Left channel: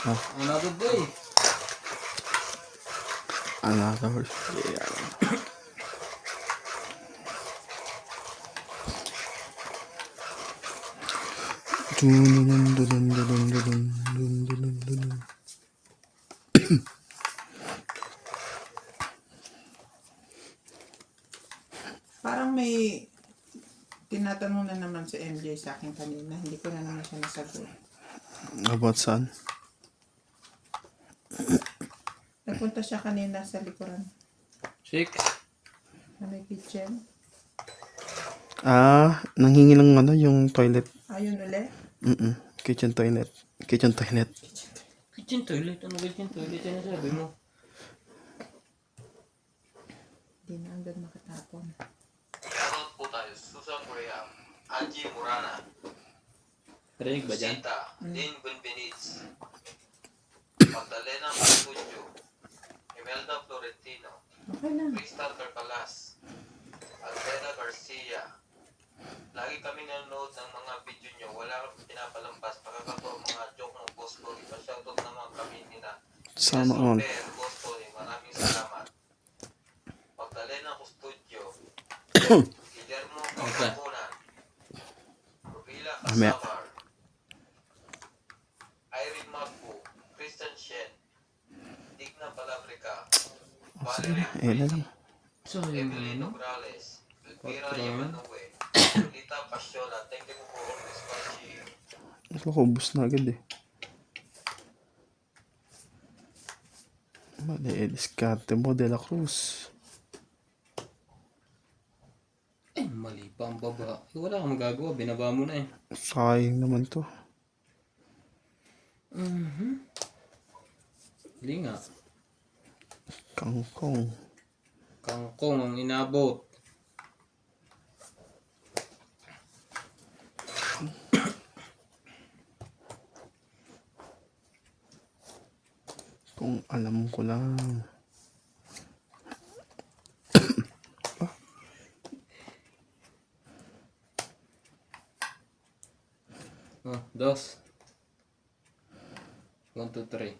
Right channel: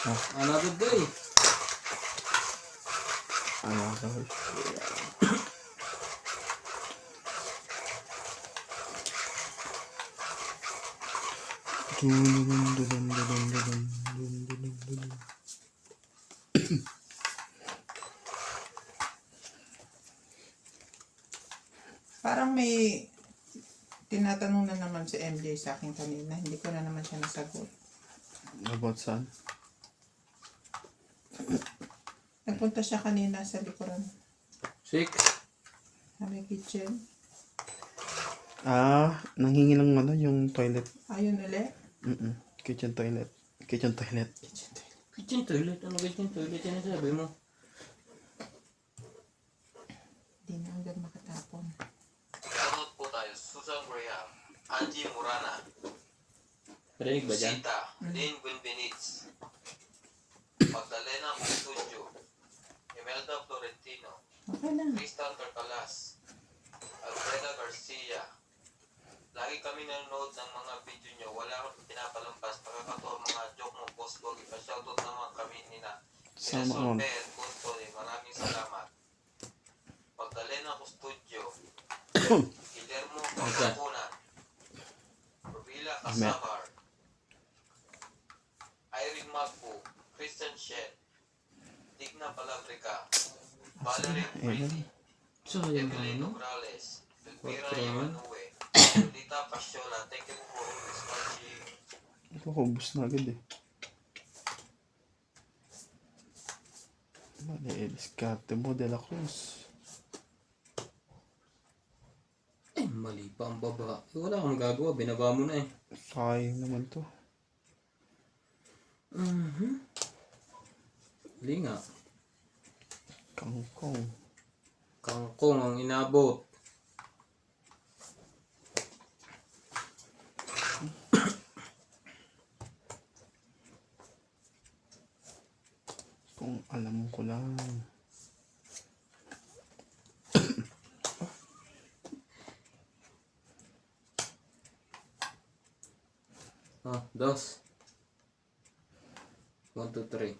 Another day. Another. Parang may tinatanong na naman si MJ sa akin kanina. Hindi ko na naman siya nasagot. About saan? Nagpunta siya kanina sa likuran. 6. Sa may kitchen. Nanghingi ng ano, yung toilet. Ayun ulit. Kitchen toilet. Kitchen toilet. Kitchen toilet. Ano kitchen toilet? Ano sabi mo? Hindi na hanggang makatapon. Shoutout po tayo. Susan Graham, Angie Murana, Parinig ba dyan? Sita, Lynn Benbenitz, Magdalena Mastudio, Imelda Florentino, Okay na. Crystal Carcalas, Alfreda Garcia. Lagi kami nanonood ng mga video nyo. Wala kami pinapalampas. Pagkakataon mga joke mo, Boss Boy. Pa-shoutout naman kami nina. Sana all. Boss Boy. Maraming salamat. Magdalena Custodio, Guillermo Campacunan, Rubila Casabar, Irene Magpo, Christian Shen, Digna Palabrica, Valerie Ayan. So, yun Evelyn ano? Nograles, Elvira Okay. Yamanue, Lita Pasiola. Thank you po always watching. Nakakubos na agad eh. Mali, diskarte mo, De La Cruz. Mali pa ang baba. Wala kang magagawa. Binaba mo na eh. Sayang naman to. Hindi nga. Kangkong. Kangkong ang inabot. Kung alam ko lang. Oh, 2. 1, 2, 3.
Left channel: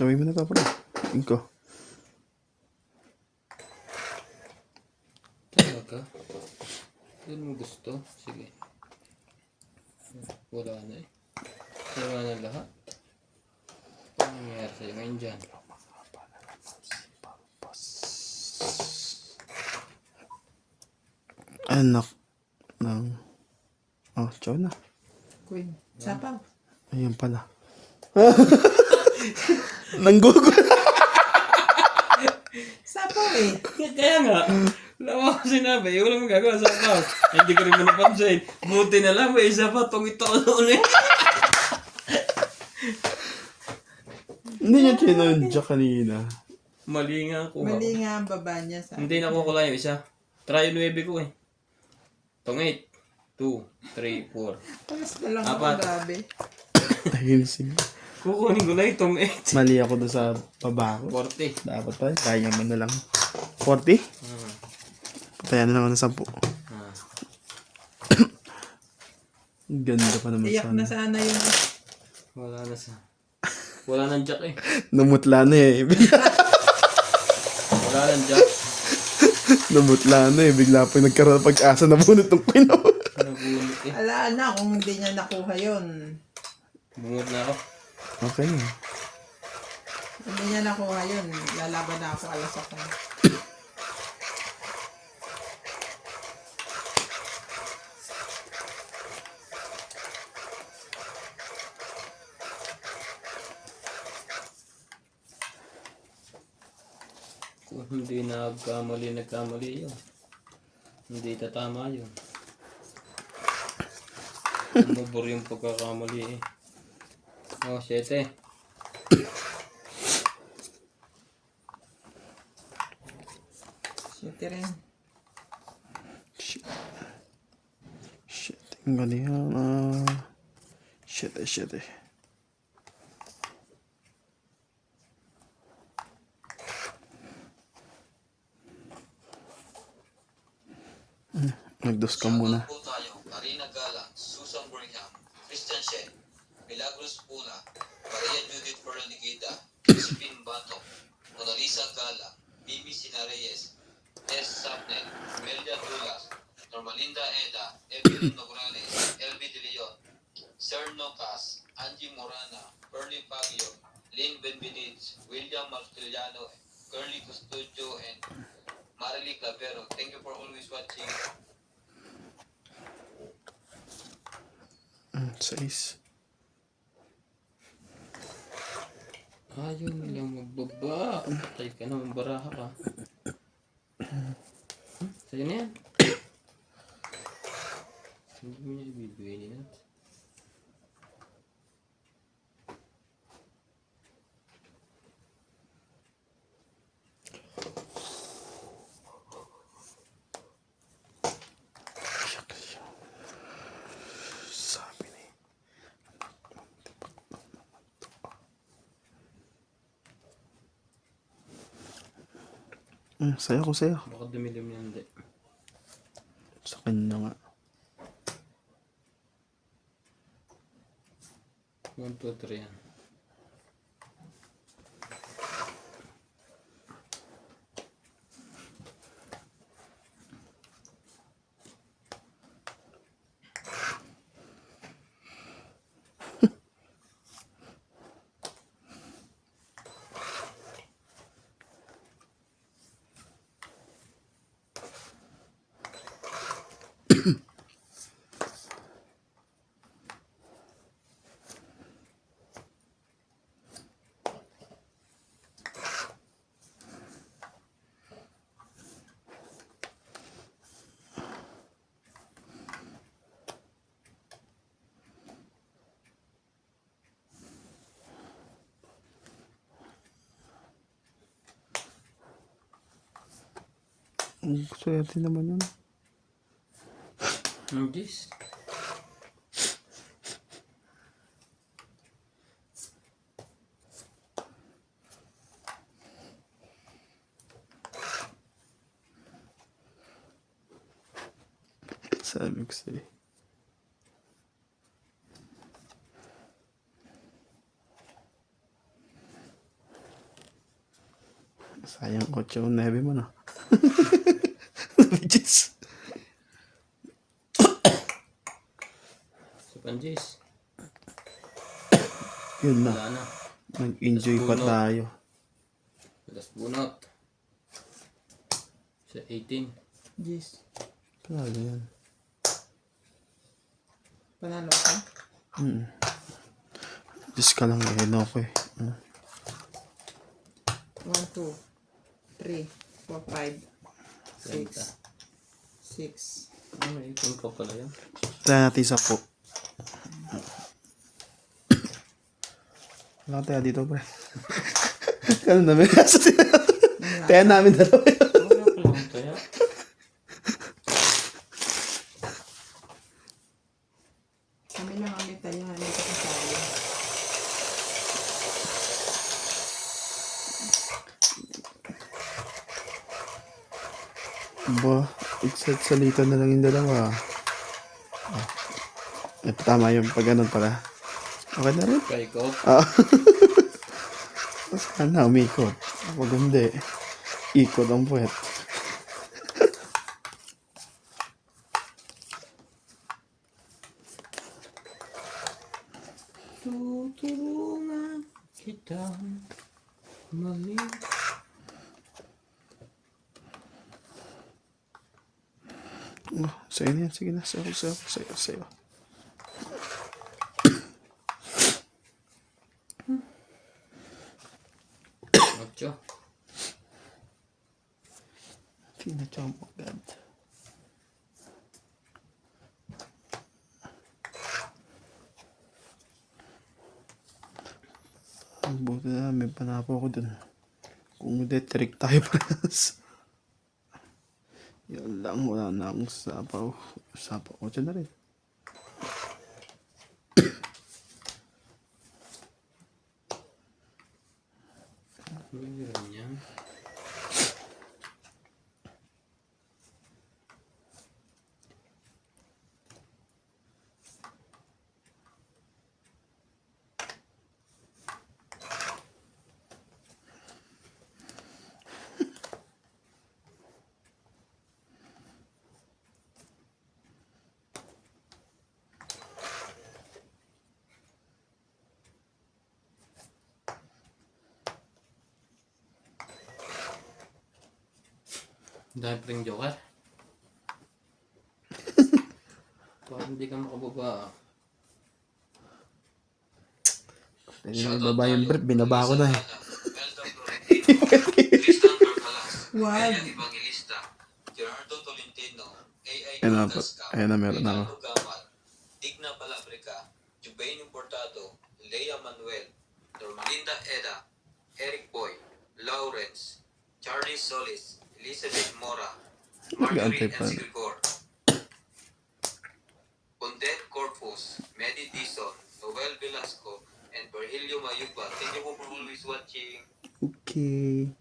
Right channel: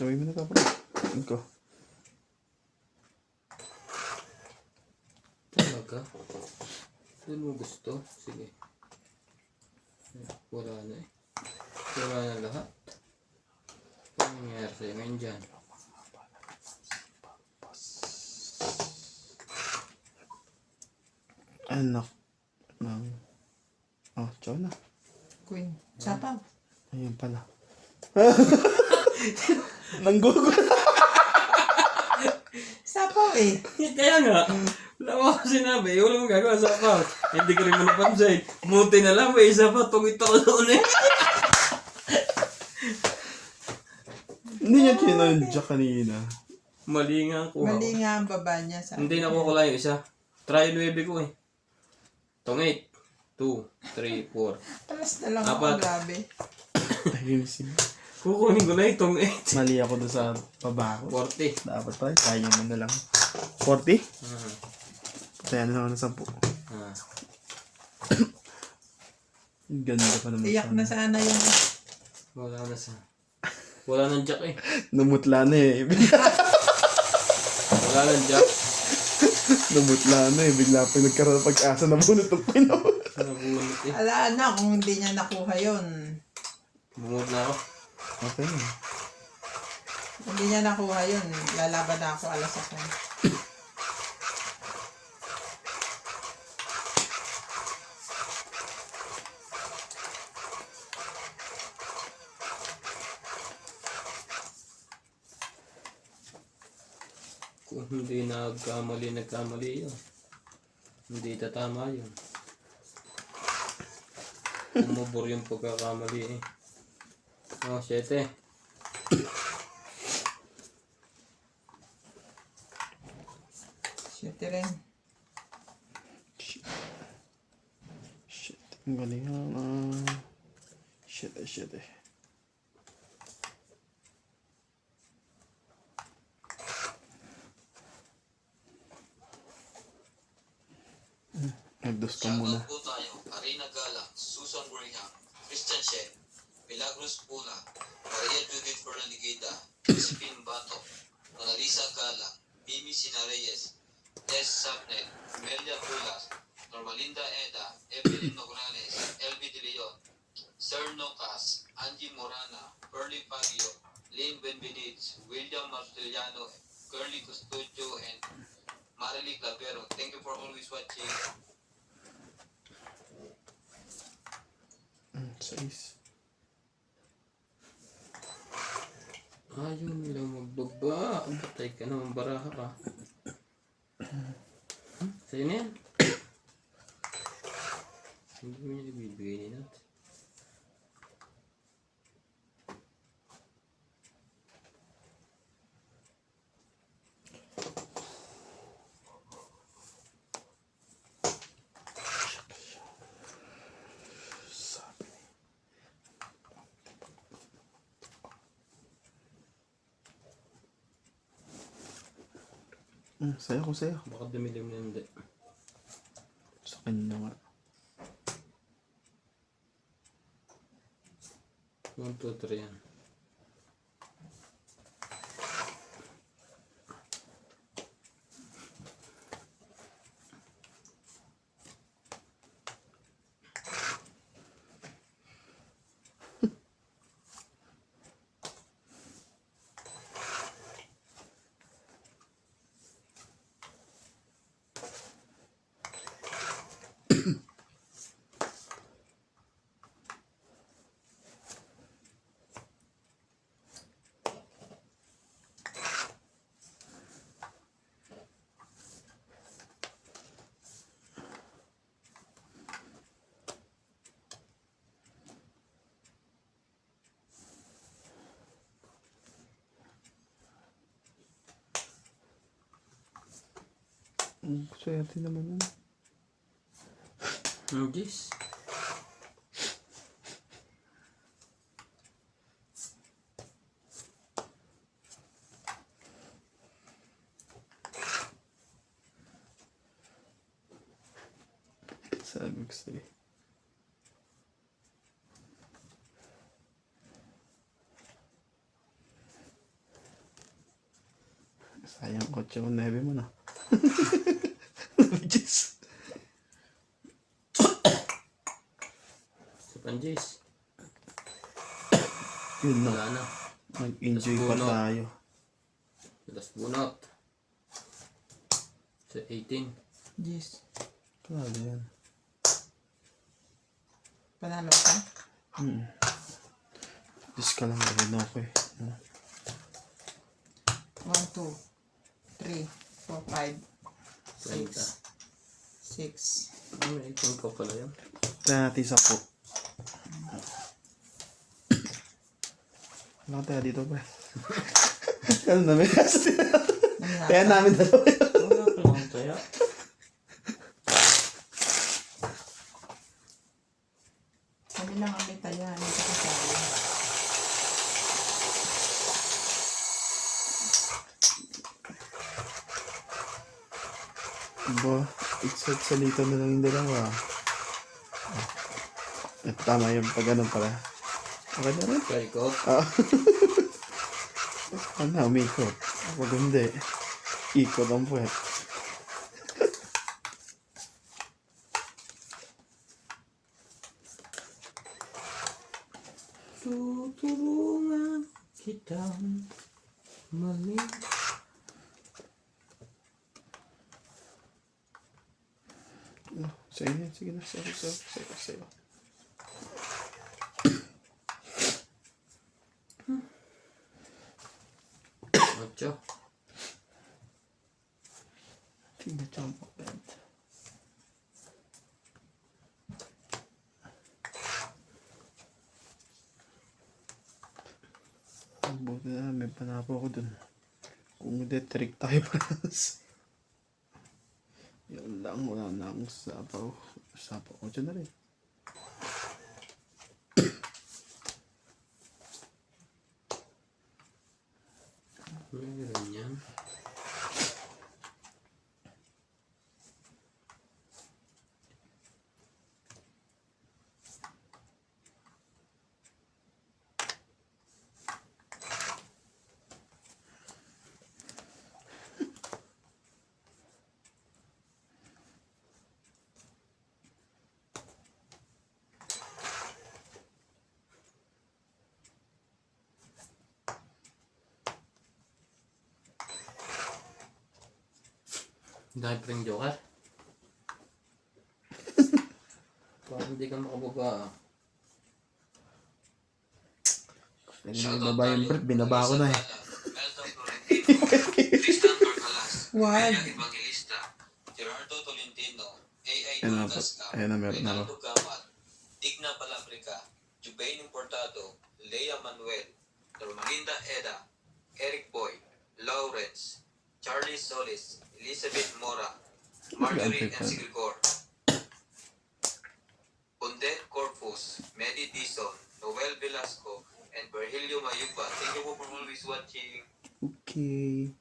Sabi mo na ka, bro. Tingin ko. Talaga? Yun mo gusto? Sige. Wala na eh. Wala na lahat. Paano nangyayari sa'yo ngayon dyan? Anak ng... Oh, tsaw na. Queen. Sapaw. Ayun pala. Nanggugol. Sapaw eh. Kaya nga, wala ko sinabi, wala mong gagawa sa ako. Hindi ko rin mo napansin. Buti na lang, may isa pa, tungit ako doon eh. Hindi niya kinonja kanina. Mali nga ako. Mali nga ang baba niya. Sabi. Hindi na ko yung isa. Try 9 ko eh. Tungit. 2, 3, 4. Taas na lang Apat. ako. Grabe. Dahil sige. Kukunin ko na yung tungit. Mali ako doon sa baba ko. 40. Dapat pa, kaya mo na lang. 40? Ah. Kaya na naman ng 10. Ah. Ganda pa naman Iyak na sana yun. Wala na sa... Wala nang jack eh. Namutla na eh. Wala nang jack. Namutla na eh. Bigla pa yung nagkaroon ng pag-asa na bunot ng Pinoy. Nabunot eh. Alaan na kung hindi niya nakuha yun. Bungot na ako. Okay. Kung hindi niya nakuha yun, lalaban na ako alas ako. Kung hindi nagkamali yun. Hindi tatama yun. Umubor yung pagkakamali eh. Oh, 7. Shit rin. Shit. Ang galing yan. Shit eh. Nagdos ka muna. Shoutout po tayo, Arena Galang, Susan Graham, Christian Shen, Milagros Puna, Maria Judith Fernandiguita, Josephine Batok, Mona Lisa Galang, Mimi Sinareyes, S. Sapnet, Melia Tulas, Normalinda Eda, Evelyn Nograles, LB De Leon, Sir Nocas, Angie Morana, Pearly Pagio, Lynn Benvenitz, William Marceliano, Curly Custodio, and Marily Clavero. Thank you for always watching. 6. Ayaw nilang magbaba. Patay ka naman, baraha ka. Sa'yo na yan. Hindi mo niya ibibigay niya. Sabi ni. Sayo ko sa'yo. Baka dumi-dumi yan, hindi. Sa kanya nga. 1, 2, 3 yan. Swerte naman yun. Ang Diyos. Sabi ko sa'yo. Sayang 8 o 9 mo na. Jeez. Sa Panjis. Yun na. Wala na. Nag-enjoy pa Bunot. tayo. Tapos bunot. Sa 18. Yes. Talaga yan. Panalo ka? Diyos ka lang rin ako eh. 1, 2, 3, 4, 5, 6, 6. Ano, 18 pa pala yun. Try natin sa po. Wala tayo dito pre. Ano namin? Kaya namin dalawa yun. Wala pa lang kaya. Kami lang ang may taya. May kasasaya. Ba, salita na lang yung dalawa. Ito tama yung pag ano pala. Okay na rin. Kay ko. Sana umikot. Ako hindi. Ikot ang puwet. Tutulungan kitang mali. Sa'yo na yan. Sige na. Sa'yo. Ocho. Tingnan siya ang magand. Ang buti na may panapo ko dun. Kung hindi, trick tayo paras. Yan lang, wala na akong sapaw. Sapaw ko dyan na rin. Meron yan. Dahil pa rin joker. Parang hindi ka makababa. Pwede na baba yung brief, binaba ko na eh. Tristan Barcalas, Wag. Bea Evangelista, Gerardo Tolentino, A.I. Ayun na po. Gasca, Ayun na, meron na Rinaldo ako. Gamal, Digna Palabrica, Jubain Importado, Lea Manuel, Normalinda Eda, Eric Boy, Lawrence, Charlie Solis, Elizabeth Mora, Marjorie Gantay pa. M. Grigor, Bondet Corpus, Medi Dizon, Noel Velasco, and Virgilio Mayuba. Thank you for always watching. Okay.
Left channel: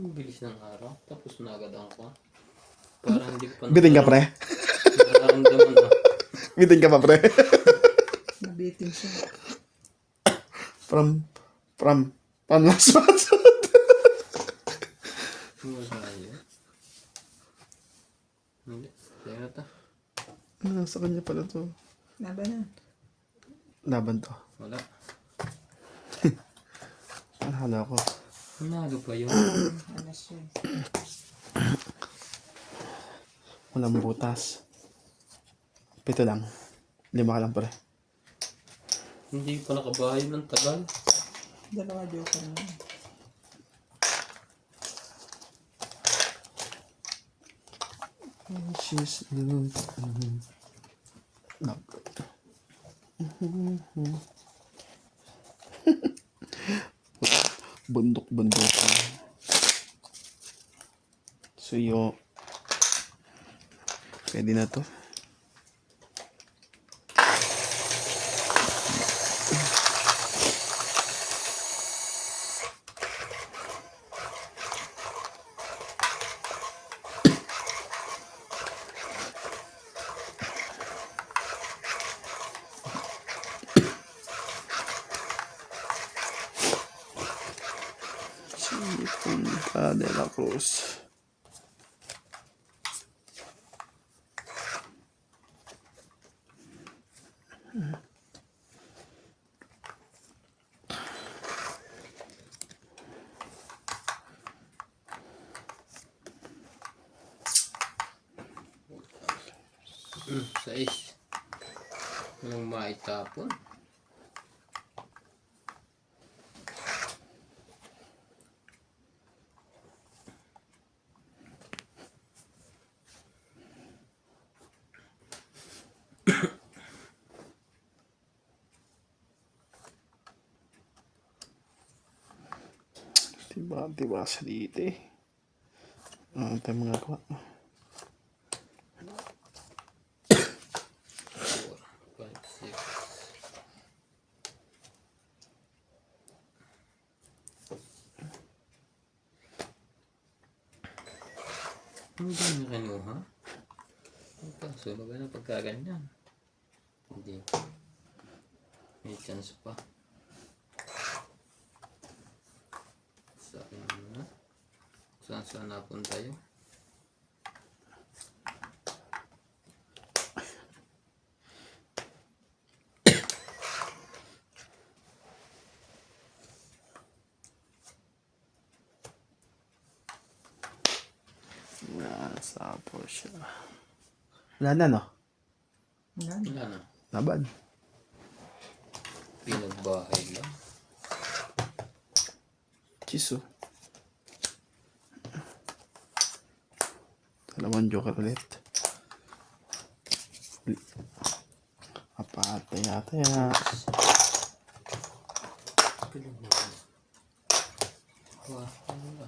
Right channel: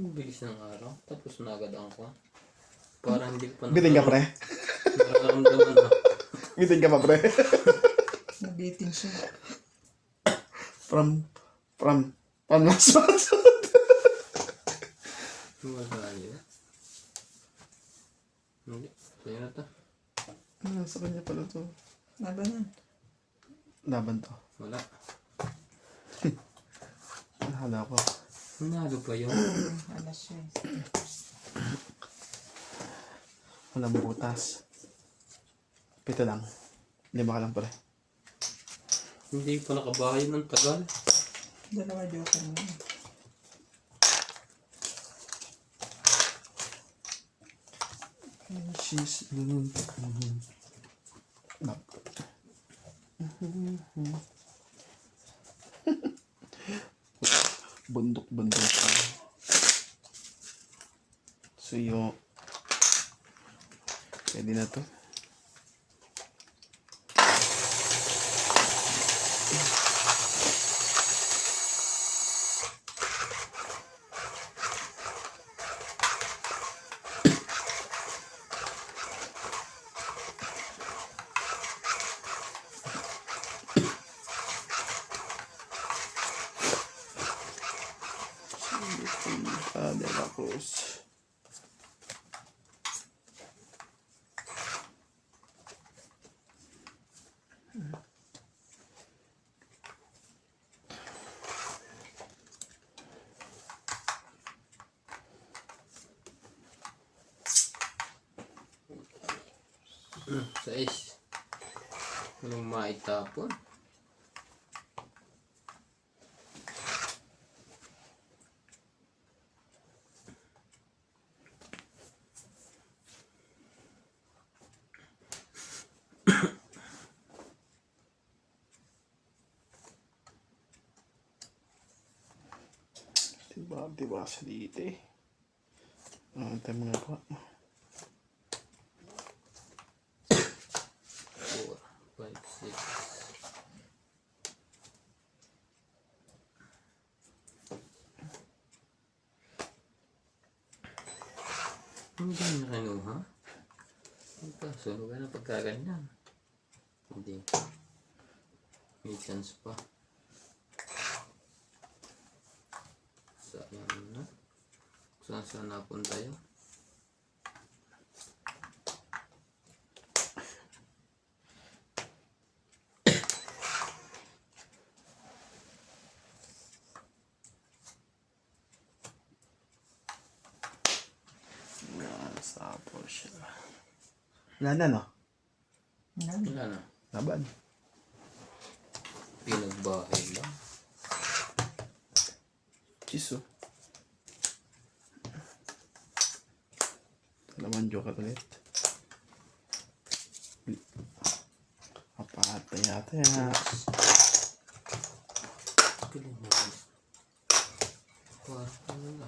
Ang bilis ng araw. Tapos na agad ang ko. Parang hindi ko pa Biting ka, pre. nararamdaman na. Biting ka pa, pre. Nabiting siya. From last month. Wala yun. Hindi. Kaya na to. Sa kanya pala to. Laban yan. Laban to. Wala. Nahala ko. Nanalo pa yun. Alas yun. Walang butas. 7 lang. 5 ka lang, pre. Hindi pa nakabahay ng tagal. Dalawa joker na. She's bundok. Suyo. Pwede na to. De la Cruz. Sais. Anong maitapon? Diba sa dito eh. Ano tayo mga gawa? 4, 5, 6. Hindi na kinuha. Ang kaso, na pagkaganyan. Hindi. May chance pa. Sayang na. Saan napunta yun? Nasa po siya. Wala na, no? Wala na. Laban. Pinagbahay lang. Kiso. Dalawang joker ulit. Apatay yata yan. Galing mo. Wala.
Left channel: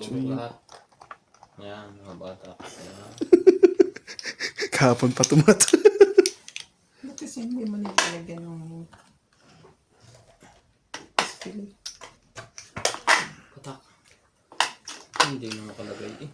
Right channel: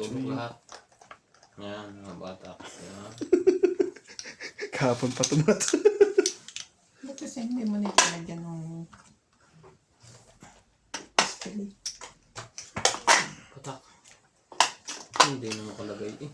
Sulok lahat. Yan, mga bata. Yan. Kahapon pa tumat. Ba't kasi hindi mo nilalagyan ng spili? Katak. Hindi na makalagay eh.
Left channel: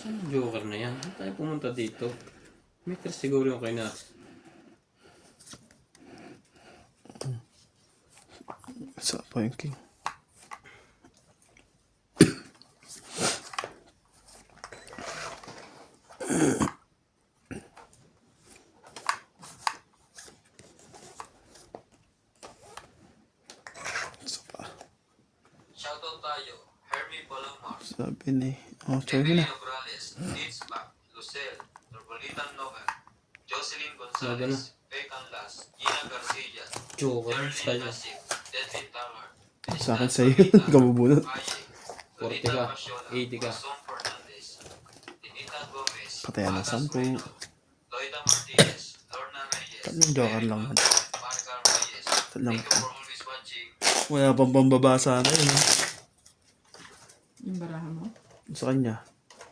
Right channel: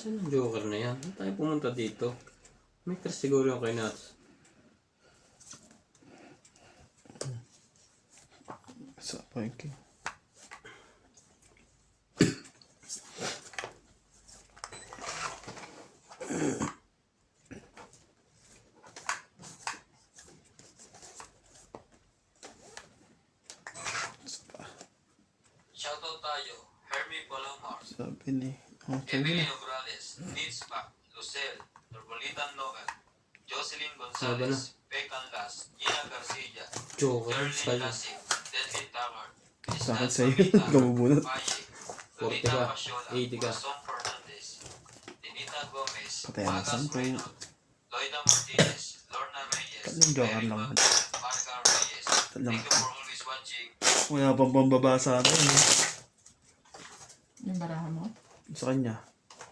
Saan ang joker na yan? Saan tayo pumunta dito? Meters siguro yung kay Nats. Sa point king. Shoutout tayo. Herbie Palamar. Sabi ni... Oh, sabi na. Emilio Morales. Nitzpa. Lucel. Nurbolitan Noel. Jocelyn Sabi na. Gonzalez. Pecan Las. Gina Garcia. Joker. Erlyn Style. Nasib. Deadly Tower. Sa akin sa'yo. Kabubunot. 40 ka. 80 ka. Song Fernandez. Dinita Gomez. Patay na Magas 10. Reynolds, Loida Martinez. Lorna Reyes. Tatlong joker Eric lang. Marga Reyes. Tatlong. Thank you for always watching. Wala pang pambabasa na yun. Yung barahan mo? Sa kanya.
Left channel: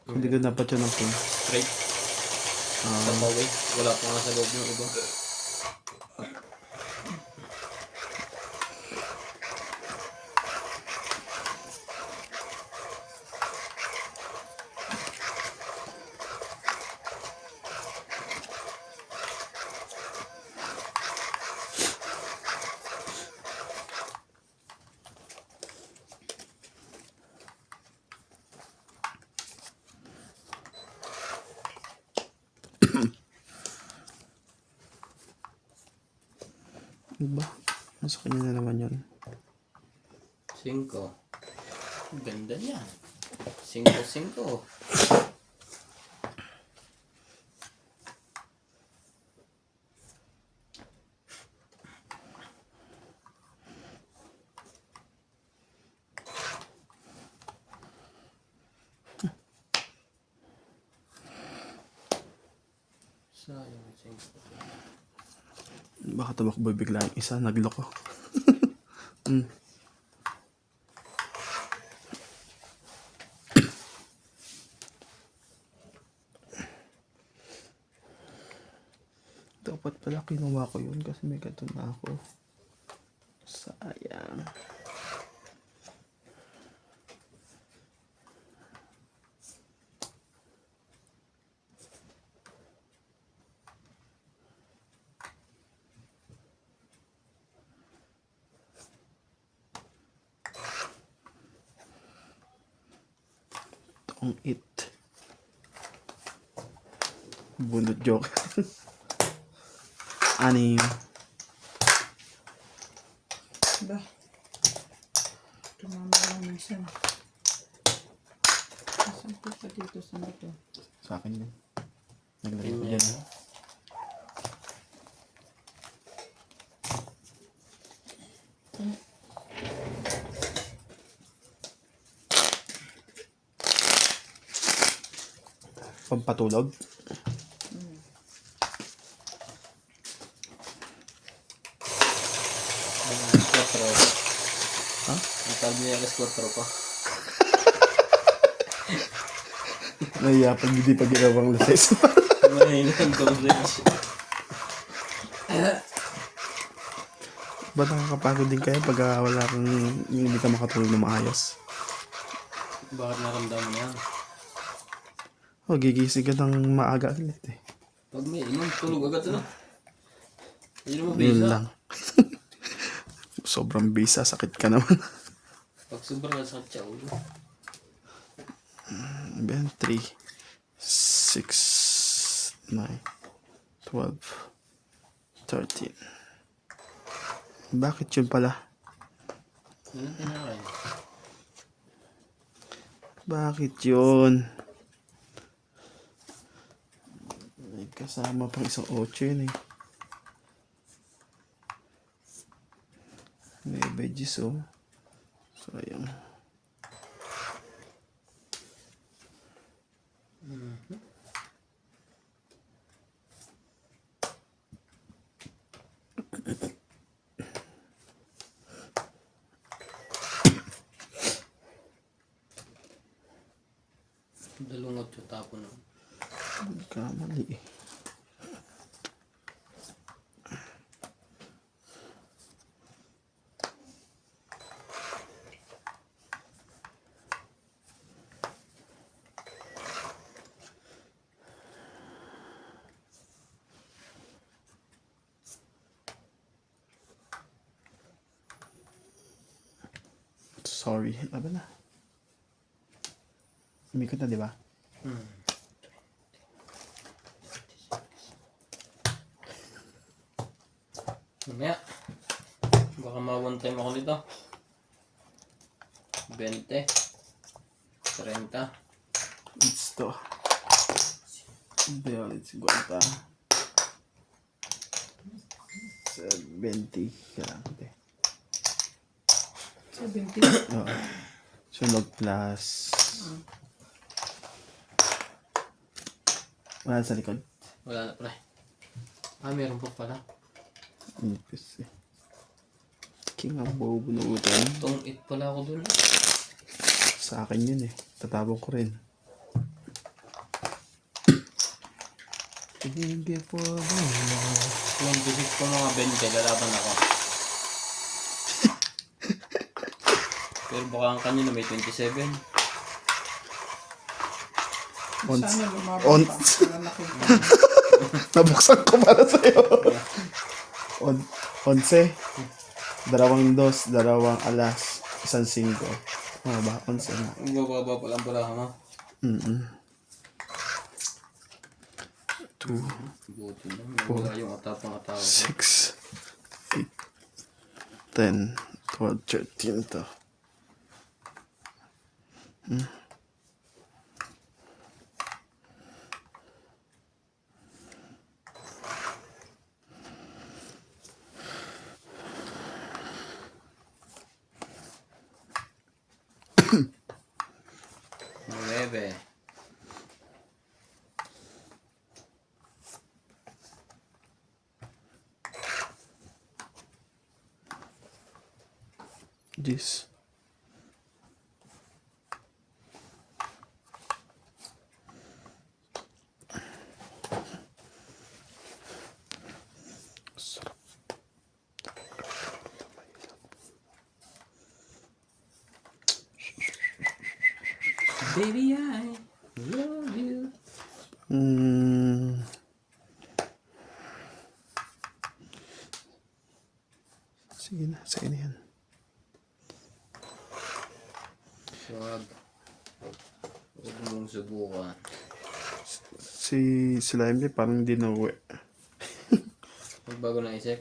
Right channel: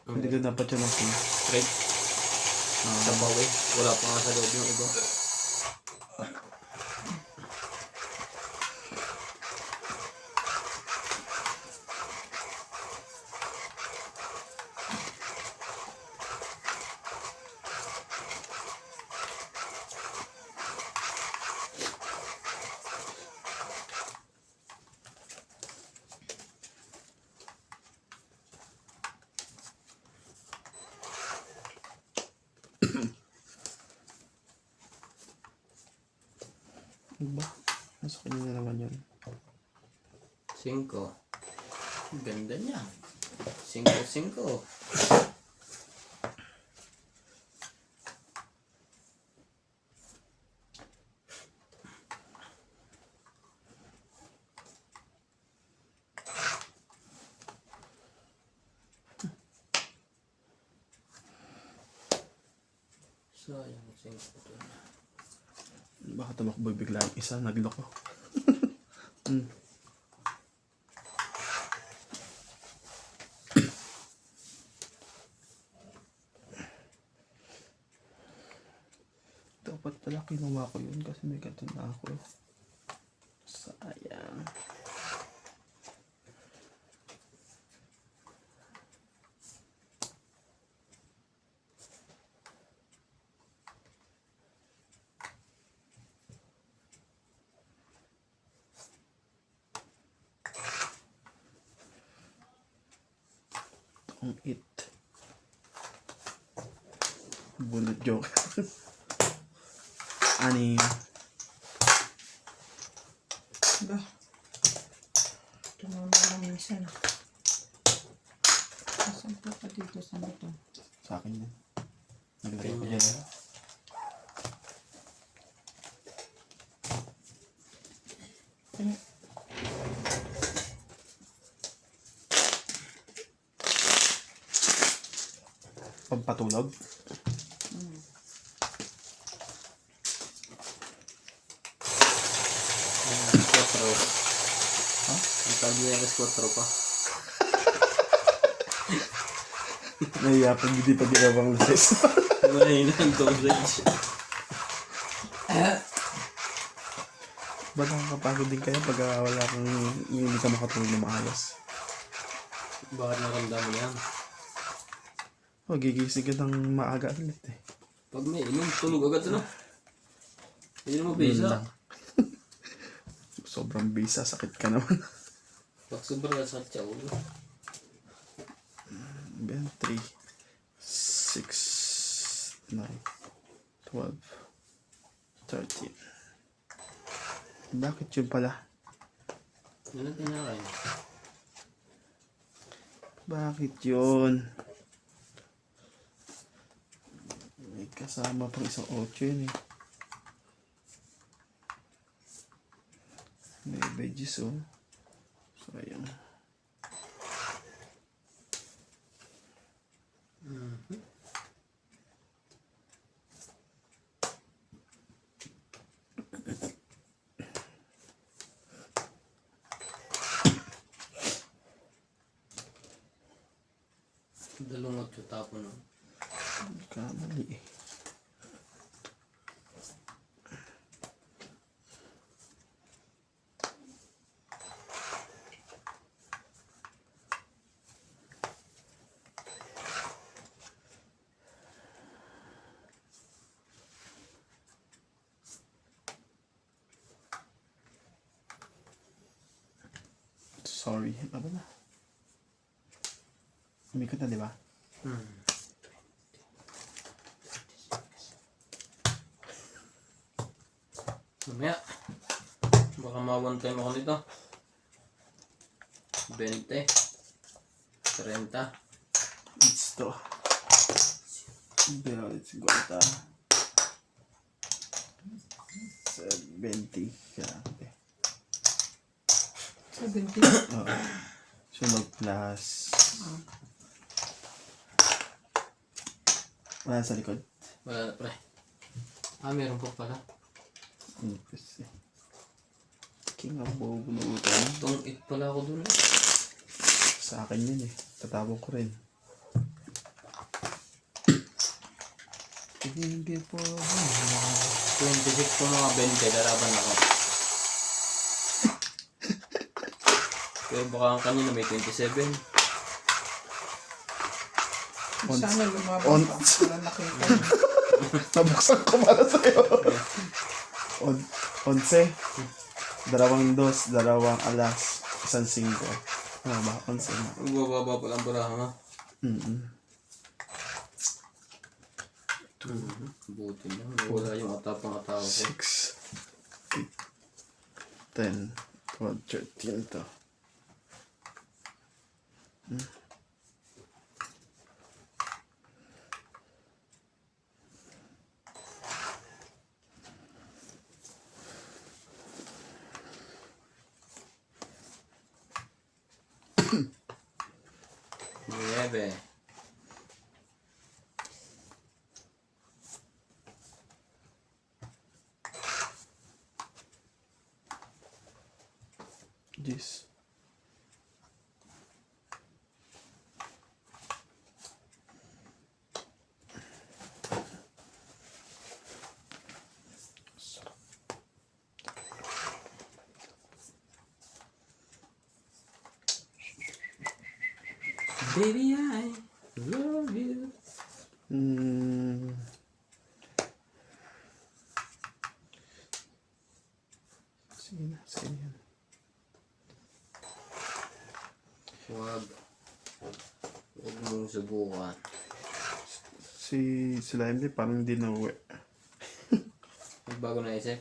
Hindi ko dapat yun ang phone. Straight. Kapaway. Wala pa nga sa loob yung iba. Diba? Nasa kanya na naman yun. 5. Ganda niya. 5. Sayang 5. Baka tumakbo bigla yung isa. Nagloko. Dapat pala kinuha ko yun kasi may gato na ako. Sayang. Ang it. Bunot joke. Anim. Ba? Tumama lang minsan. Nasaan po pa dito sa motor? Sa akin yan. Naglagay ko dyan. Pampatulog. Ang tawag niya alas 4 pa. Nahiya pag hindi pa ginawang luces. Mahina ang dosage. Ba't nakakapagod din kayo pag wala kang hindi ka makatulog na maayos? Bakit naramdaman yan? O, gigising ka ng maaga ulit eh. Pag may inom, tulog agad ano? Hindi mo Yun bisa. lang. Sobrang bisa, sakit ka naman. Pag sobrang sakit siya ulo. Ben, 3, 6, 9, 12, 13. Bakit yun pala? Ano tinakain? Bakit yun? May kasama pang isang 8 yun eh. May veggies oh. Sayang. Dalungot yung tapo na. Kamali eh. Sorry. Ano na? Umikot na, di ba? Mamaya. Baka ma-one time ako dito. 20. 30. It's to. Pero, it's guanta. 70. Kailangan ko eh. 70. Oo. Sunog plus. Wala sa likod. Wala na pre. Meron pa pala. Ipis eh. King ang bubunutan. Itong it pala ako dun. Sa akin yun eh. Tatapon ko rin. Hindi po. 26 po mga 20. Lalaban ako. Pero baka ang kanina may 27. Sana lumabang on- pa. Wala nakita. Nabuksan ko para sa'yo. 11. Dalawang dos, dalawang alas, isang 5. Ah, ba? 11 na. Magbababa pa lang pala mo. 2, Buti na. Wala yung atapang-atawa ko. 6, 8, 10, 12, 13 to. Nueve. This. Baby, I love you. Sige na, sige na yan. Wag. Huwag mong subukan. Sila Emily parang hindi na uwi. Magbago na isip.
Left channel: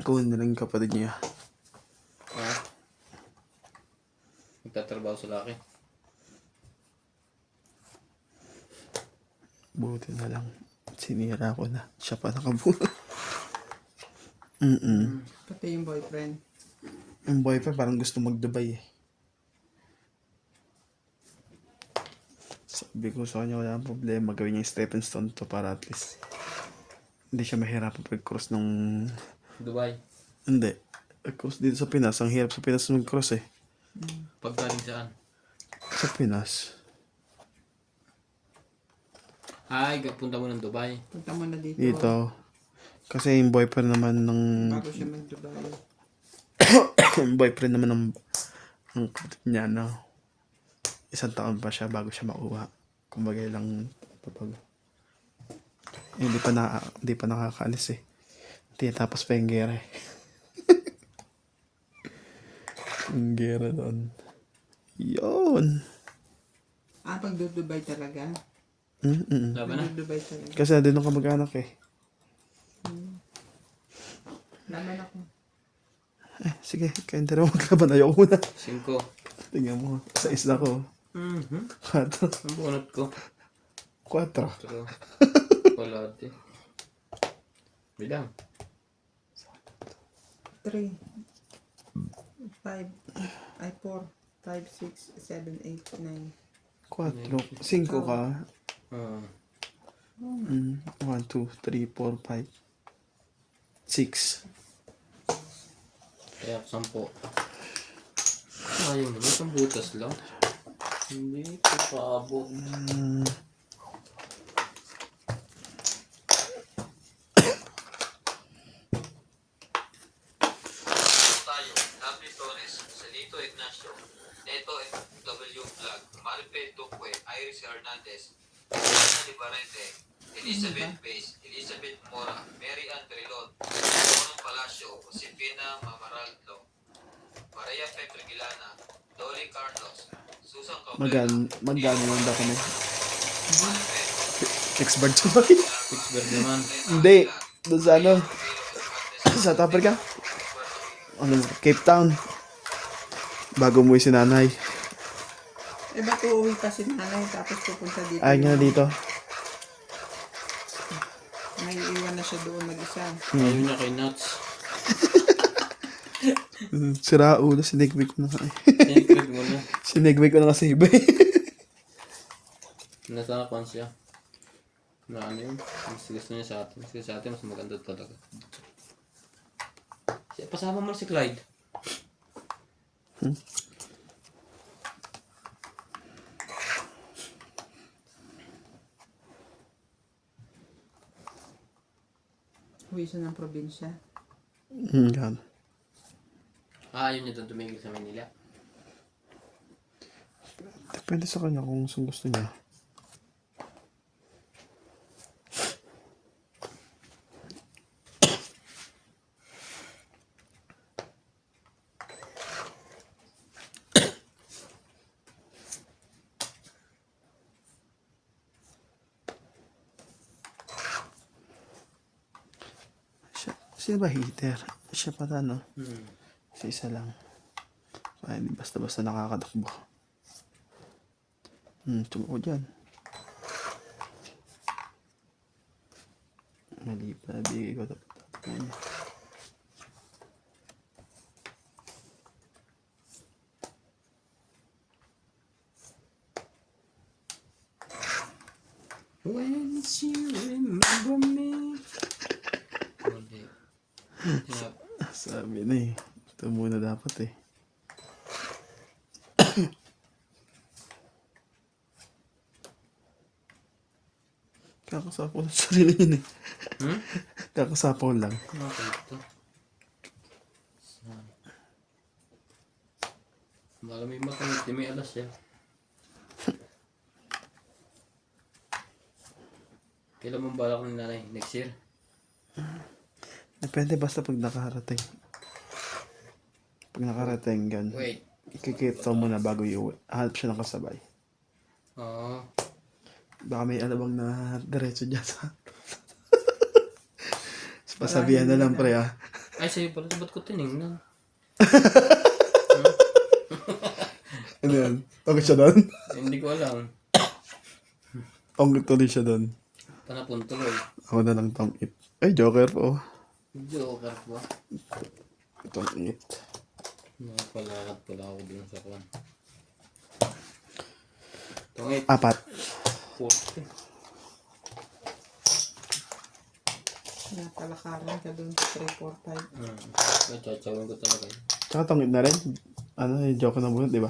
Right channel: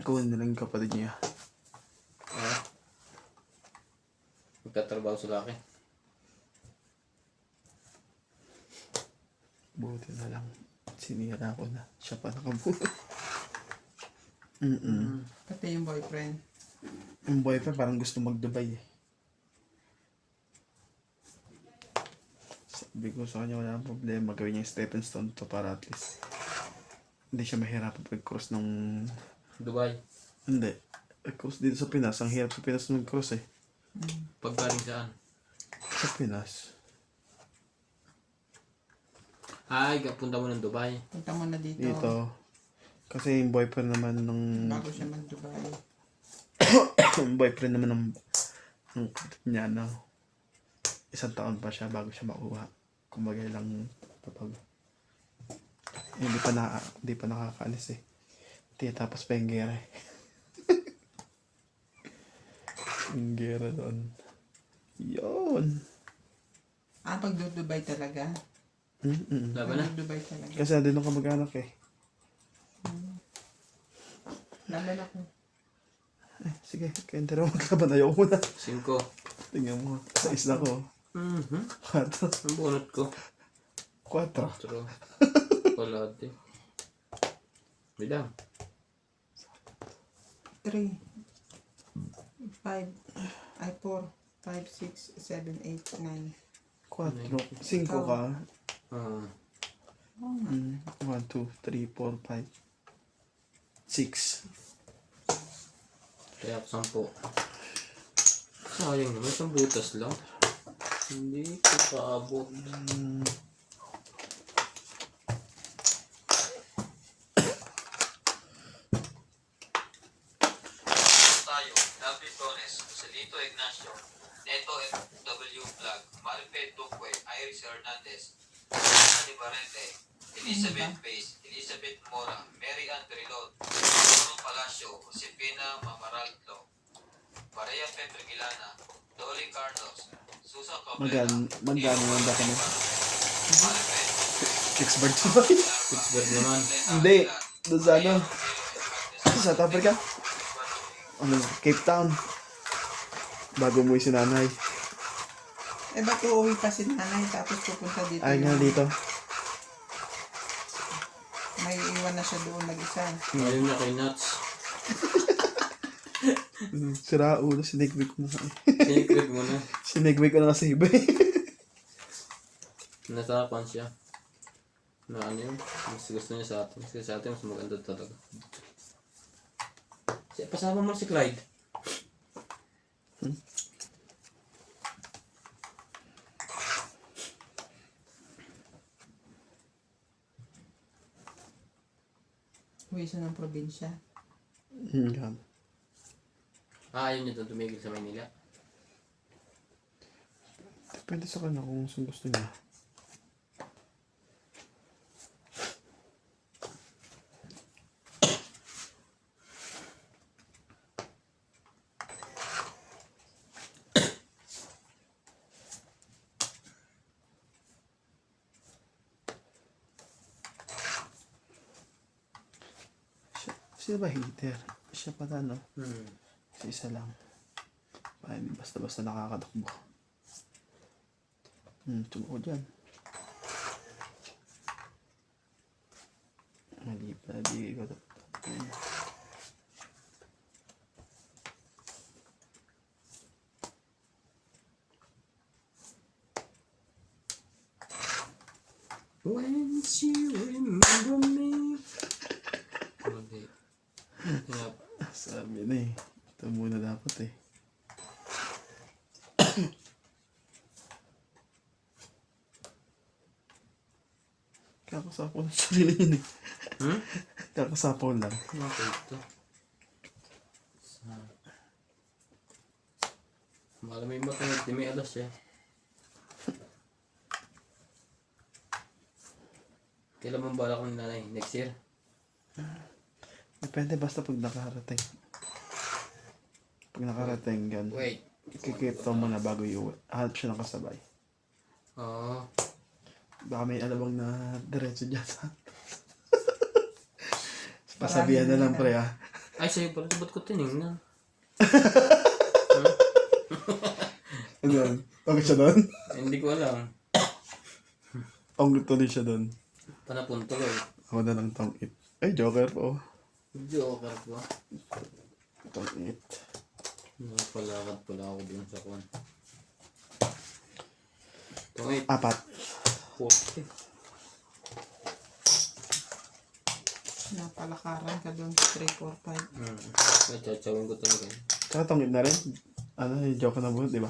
Kunin na lang yung kapatid niya. Ha? Magtatrabaho sa laki. Buti na lang. Sinira ko na. Siya pa nakabuo. Pati yung boyfriend. Yung boyfriend parang gusto mag-Dubai eh. Sabi ko sa kanya wala nang problema. Gawin niya yung stepping stone to para at least hindi siya mahirapan pag-cross ng... Dubai. Hindi. Pag-cross dito sa Pinas. Ang hirap sa Pinas mag-cross eh. Pagkaling saan? Sa Pinas. Ay, punta mo ng Dubai. Punta mo na dito. Dito. Kasi yung boyfriend naman ng... Bago siya mag-Dubai. yung boyfriend naman ng kapatid niya, no? 1 taon pa siya bago siya makuha. Kumbaga lang kapag... Hindi pa nakakaalis eh. Tinatapos pa yung gera eh. Yung gera doon. Yun. Pag-Dubai talaga? Laban na. Dubai talaga. Kasi nandun ka mag-anak eh. Laban ako. Sige, kayong dalawa maglaban. Ayoko na. 5. Tingnan mo. Sa isla ko. Mhm. 4. Ang bunot ko. 4. Pero, chocolate. Bilang. 3, 5, ay 4, 5, 6, 7, 8, 9. 4. 5 ka. Ah. 1, 2, 3, 4, 5. 6. Kaya 10. Sayang naman, isang butas lang. Hindi ko kaabot. Tayo, W. Torres, Celito Ignacio, Neto W. Vlog, Marife Duque, Iris Hernandez, Ana Libarete, Elizabeth Bays, Elizabeth Mora, Mary Ann Trilon, Torong Palacio, Josefina Mamaraldo, Maria Petrigilana, Dolly Carlos, Susan Cabrera, Magkano lang ba kami? Marife, Expert ba? Pittsburgh naman. Hindi. Doon sa ano? South Africa? Ano? Cape Town. Bago umuwi si nanay. Eh, ba't uuwi ka si nanay tapos pupunta dito? Ay nga dito. May iwan na siya doon mag-isa. Ayaw niya kay Nuts. Sira ulo. Sinigway ko na nga eh. Secret mo na. Sinigway ko na kasi iba eh. Natakuan siya. Na ano yun? Mas gusto niya sa atin. Kasi sa atin mas maganda talaga. Pasama mo si Clyde. Uwi siya ng probinsya. Yan. Ayaw niya doon tumigil sa Manila. Depende sa kanya kung saan gusto niya. Sino ba heater? Siya pa no? Sa isa lang. Ay, di basta-basta nakakadakbo. Tumuko dyan. Mali pa, nabigay ko dapat. When she remember me. Mali. Tinap. Sabi na eh. Ito muna dapat eh. Kakasapaw ng sarili yun eh. Kakasapaw lang. Okay ito. Malamig matangit. Di may alas siya. Kailan mong balak ng nanay? Next year? Depende basta pag nakarating. Pag nakarating yan. Wait. Ikikita mo na bago iuwi. Hanap siya ng kasabay. Oo. Baka may alabang na diretso dyan sa... Pasabihan na lang pre ah. Ay, sa'yo pala. Ba't ko tinignan? Ano yan? Tawag siya doon? Hindi ko alam. Tawag tuloy siya doon. Panapunto ko. Ako na lang tong it. Ay, Joker po. Joker ko. Itong it. Nakapalakad pala ako dun sa kwan. Tungit. 4. 40. Napalakaran ka doon sa 3, 4, 5. Chatsawin ko talaga. Tsaka tong it na rin. Ano, yung Joker na bunot, di ba?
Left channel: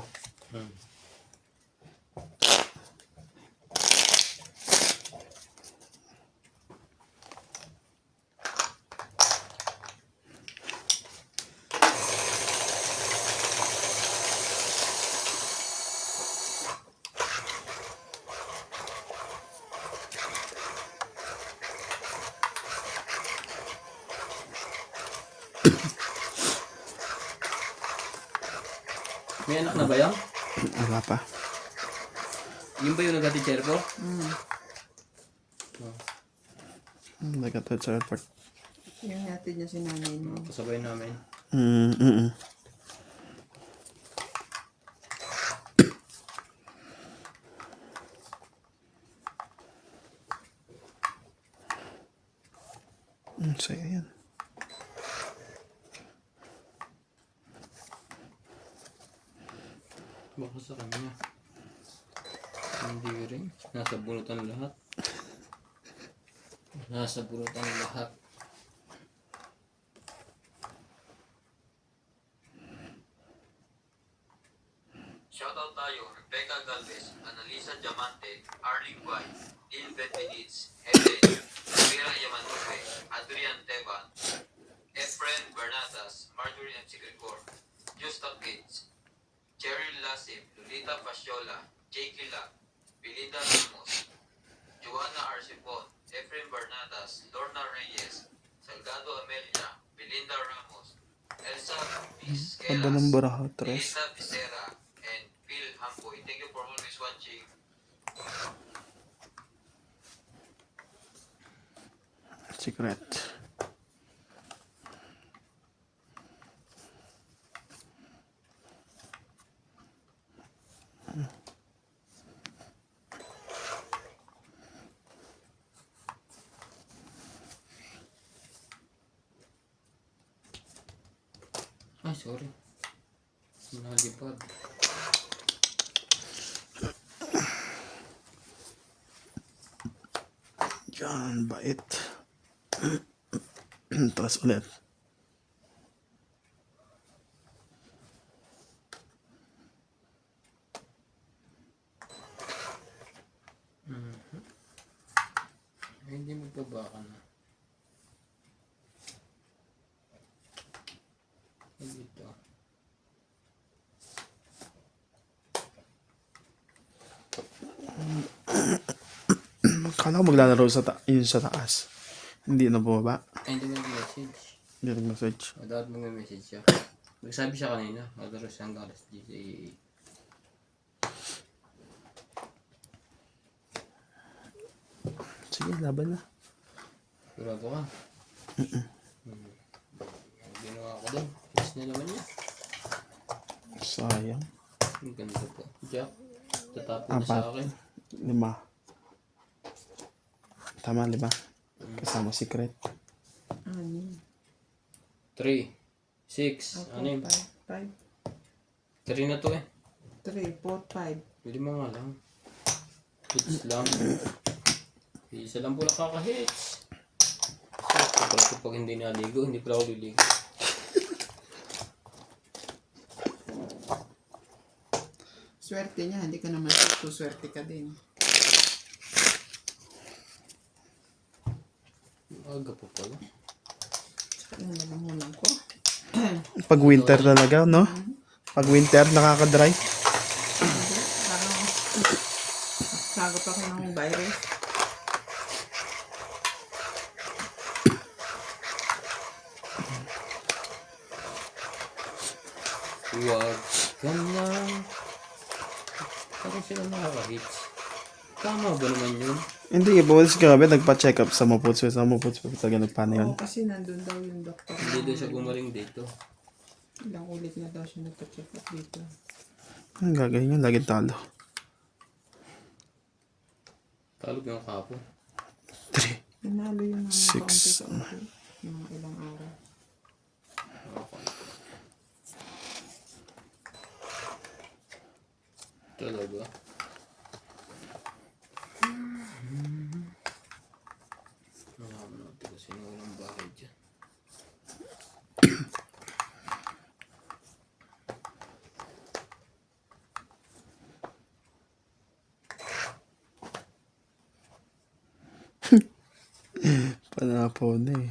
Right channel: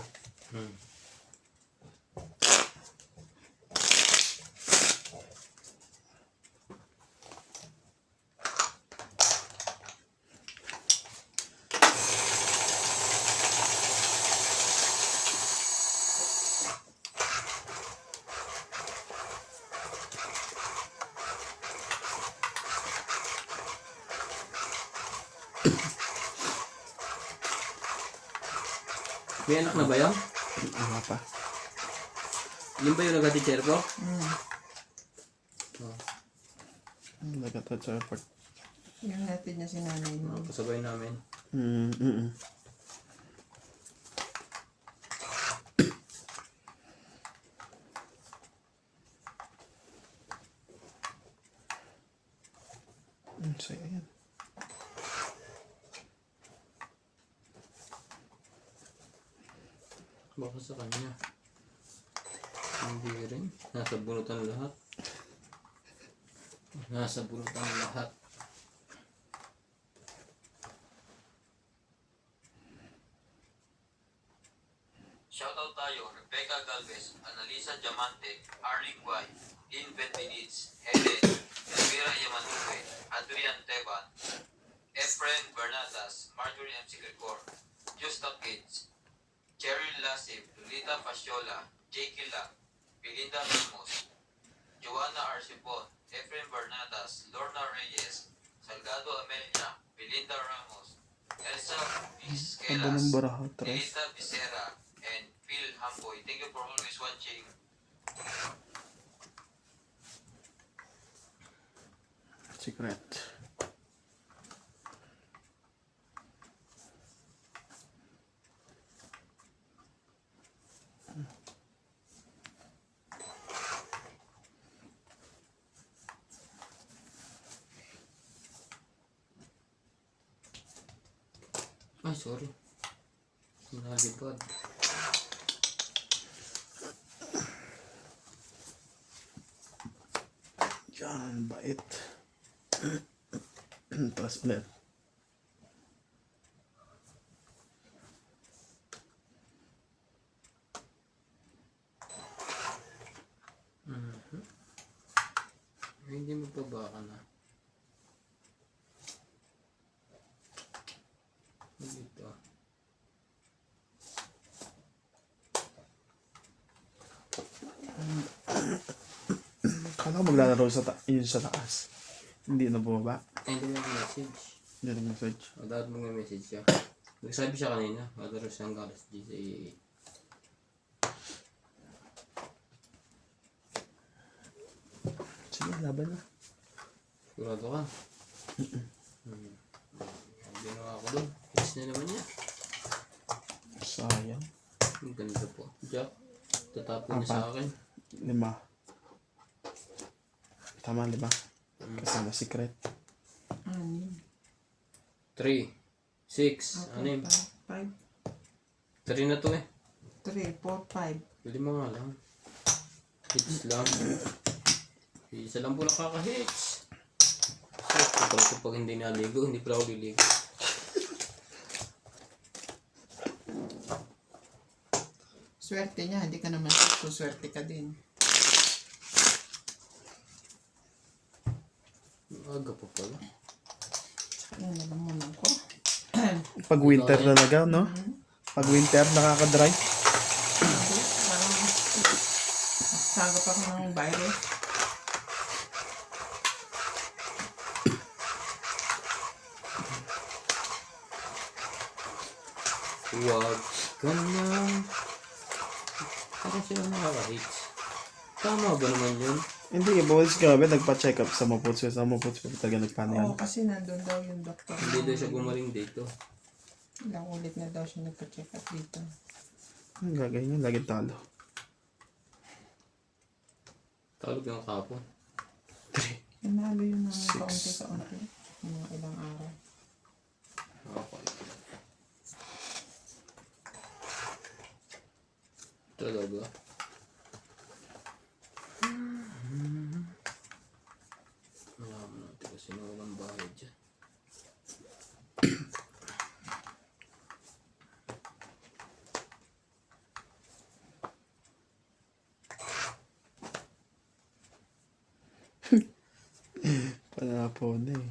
May anak na ba yan? Wala pa. Yun ba yung nag-teacher ko? Nagkatad sa airport. Yung natin niya si nanay mo. Kasabay namin. Saya yan. Baka sa kanya. Hindi rin. Nasa bunutan lahat. Nasa bunutan lahat. Shoutout tayo, Rebecca Galvez, Analisa Diamante, Arlie Guay, Lynn Benvenitz, Helen, Elvira Yamanuque, Adrian Teban, Efren Bernatas, Marjorie M. Sigrecor, Justa Gates, Cheryl Lasib, Lolita Fasciola, Jake Lack, Belinda Ramos, Joanna Arcipon, Efren Bernatas, Lorna Reyes, Salgado Amelia, Belinda Ramos, Elsa Ganda ng Vizqueras, baraha, tres. Melissa Becerra, and Phil Hampoy. Thank you for always watching. Secret. Ay, sorry. Nalipad. Yan, bait. Tapos ulit. Hindi mo pa baka na. Dito. Kala ko maglalaro yun sa taas. Hindi na bumaba. Ay, hindi mo message. Hindi nag-message. O, dapat mag-message siya. Nagsabi siya kanina. Maglalaro siyang galas GCAA. Sige, laban na. Sigurado ka? Ang ginawa ko doon. Hits na naman niya. Sayang. Ang ganda po. Jack, tatapon niya sa akin. 5. Tama, 5. Kasama secret. 3, 6, ano yun? 5, 3 na to eh. 3, 4, 5. Pwede mo nga lang. Hits lang. Isa lang po nakaka-hits. So, pag hindi naligo, hindi pala ako liligo. Swerte niya, hindi ka naman swerte ka din. Aga pa pala. Yan, nalamunan ko. Pag winter talaga, no? Pag winter, nakaka-dry. Parang sagot ako ng virus. Huwag ka na. Parang sila nakaka-hits. Tama ba naman yun? Hindi, bumalis grabe, nagpa-check up sa Maputs. Sa Maputs pa talaga nagpaano yun. Oo, kasi nandun daw yung doktor. Hindi daw siya gumaling dito. Ilang ulit na daw siya nagpa-check up dito. Ang gagawin yun, laging talo. Talog yung kapon. 3. Nanalo yun ng Six. kaunti-kaunti. Mga ilang araw. Okay. Talaga. Malaman natin kung sino walang bahay dyan. Panapon eh.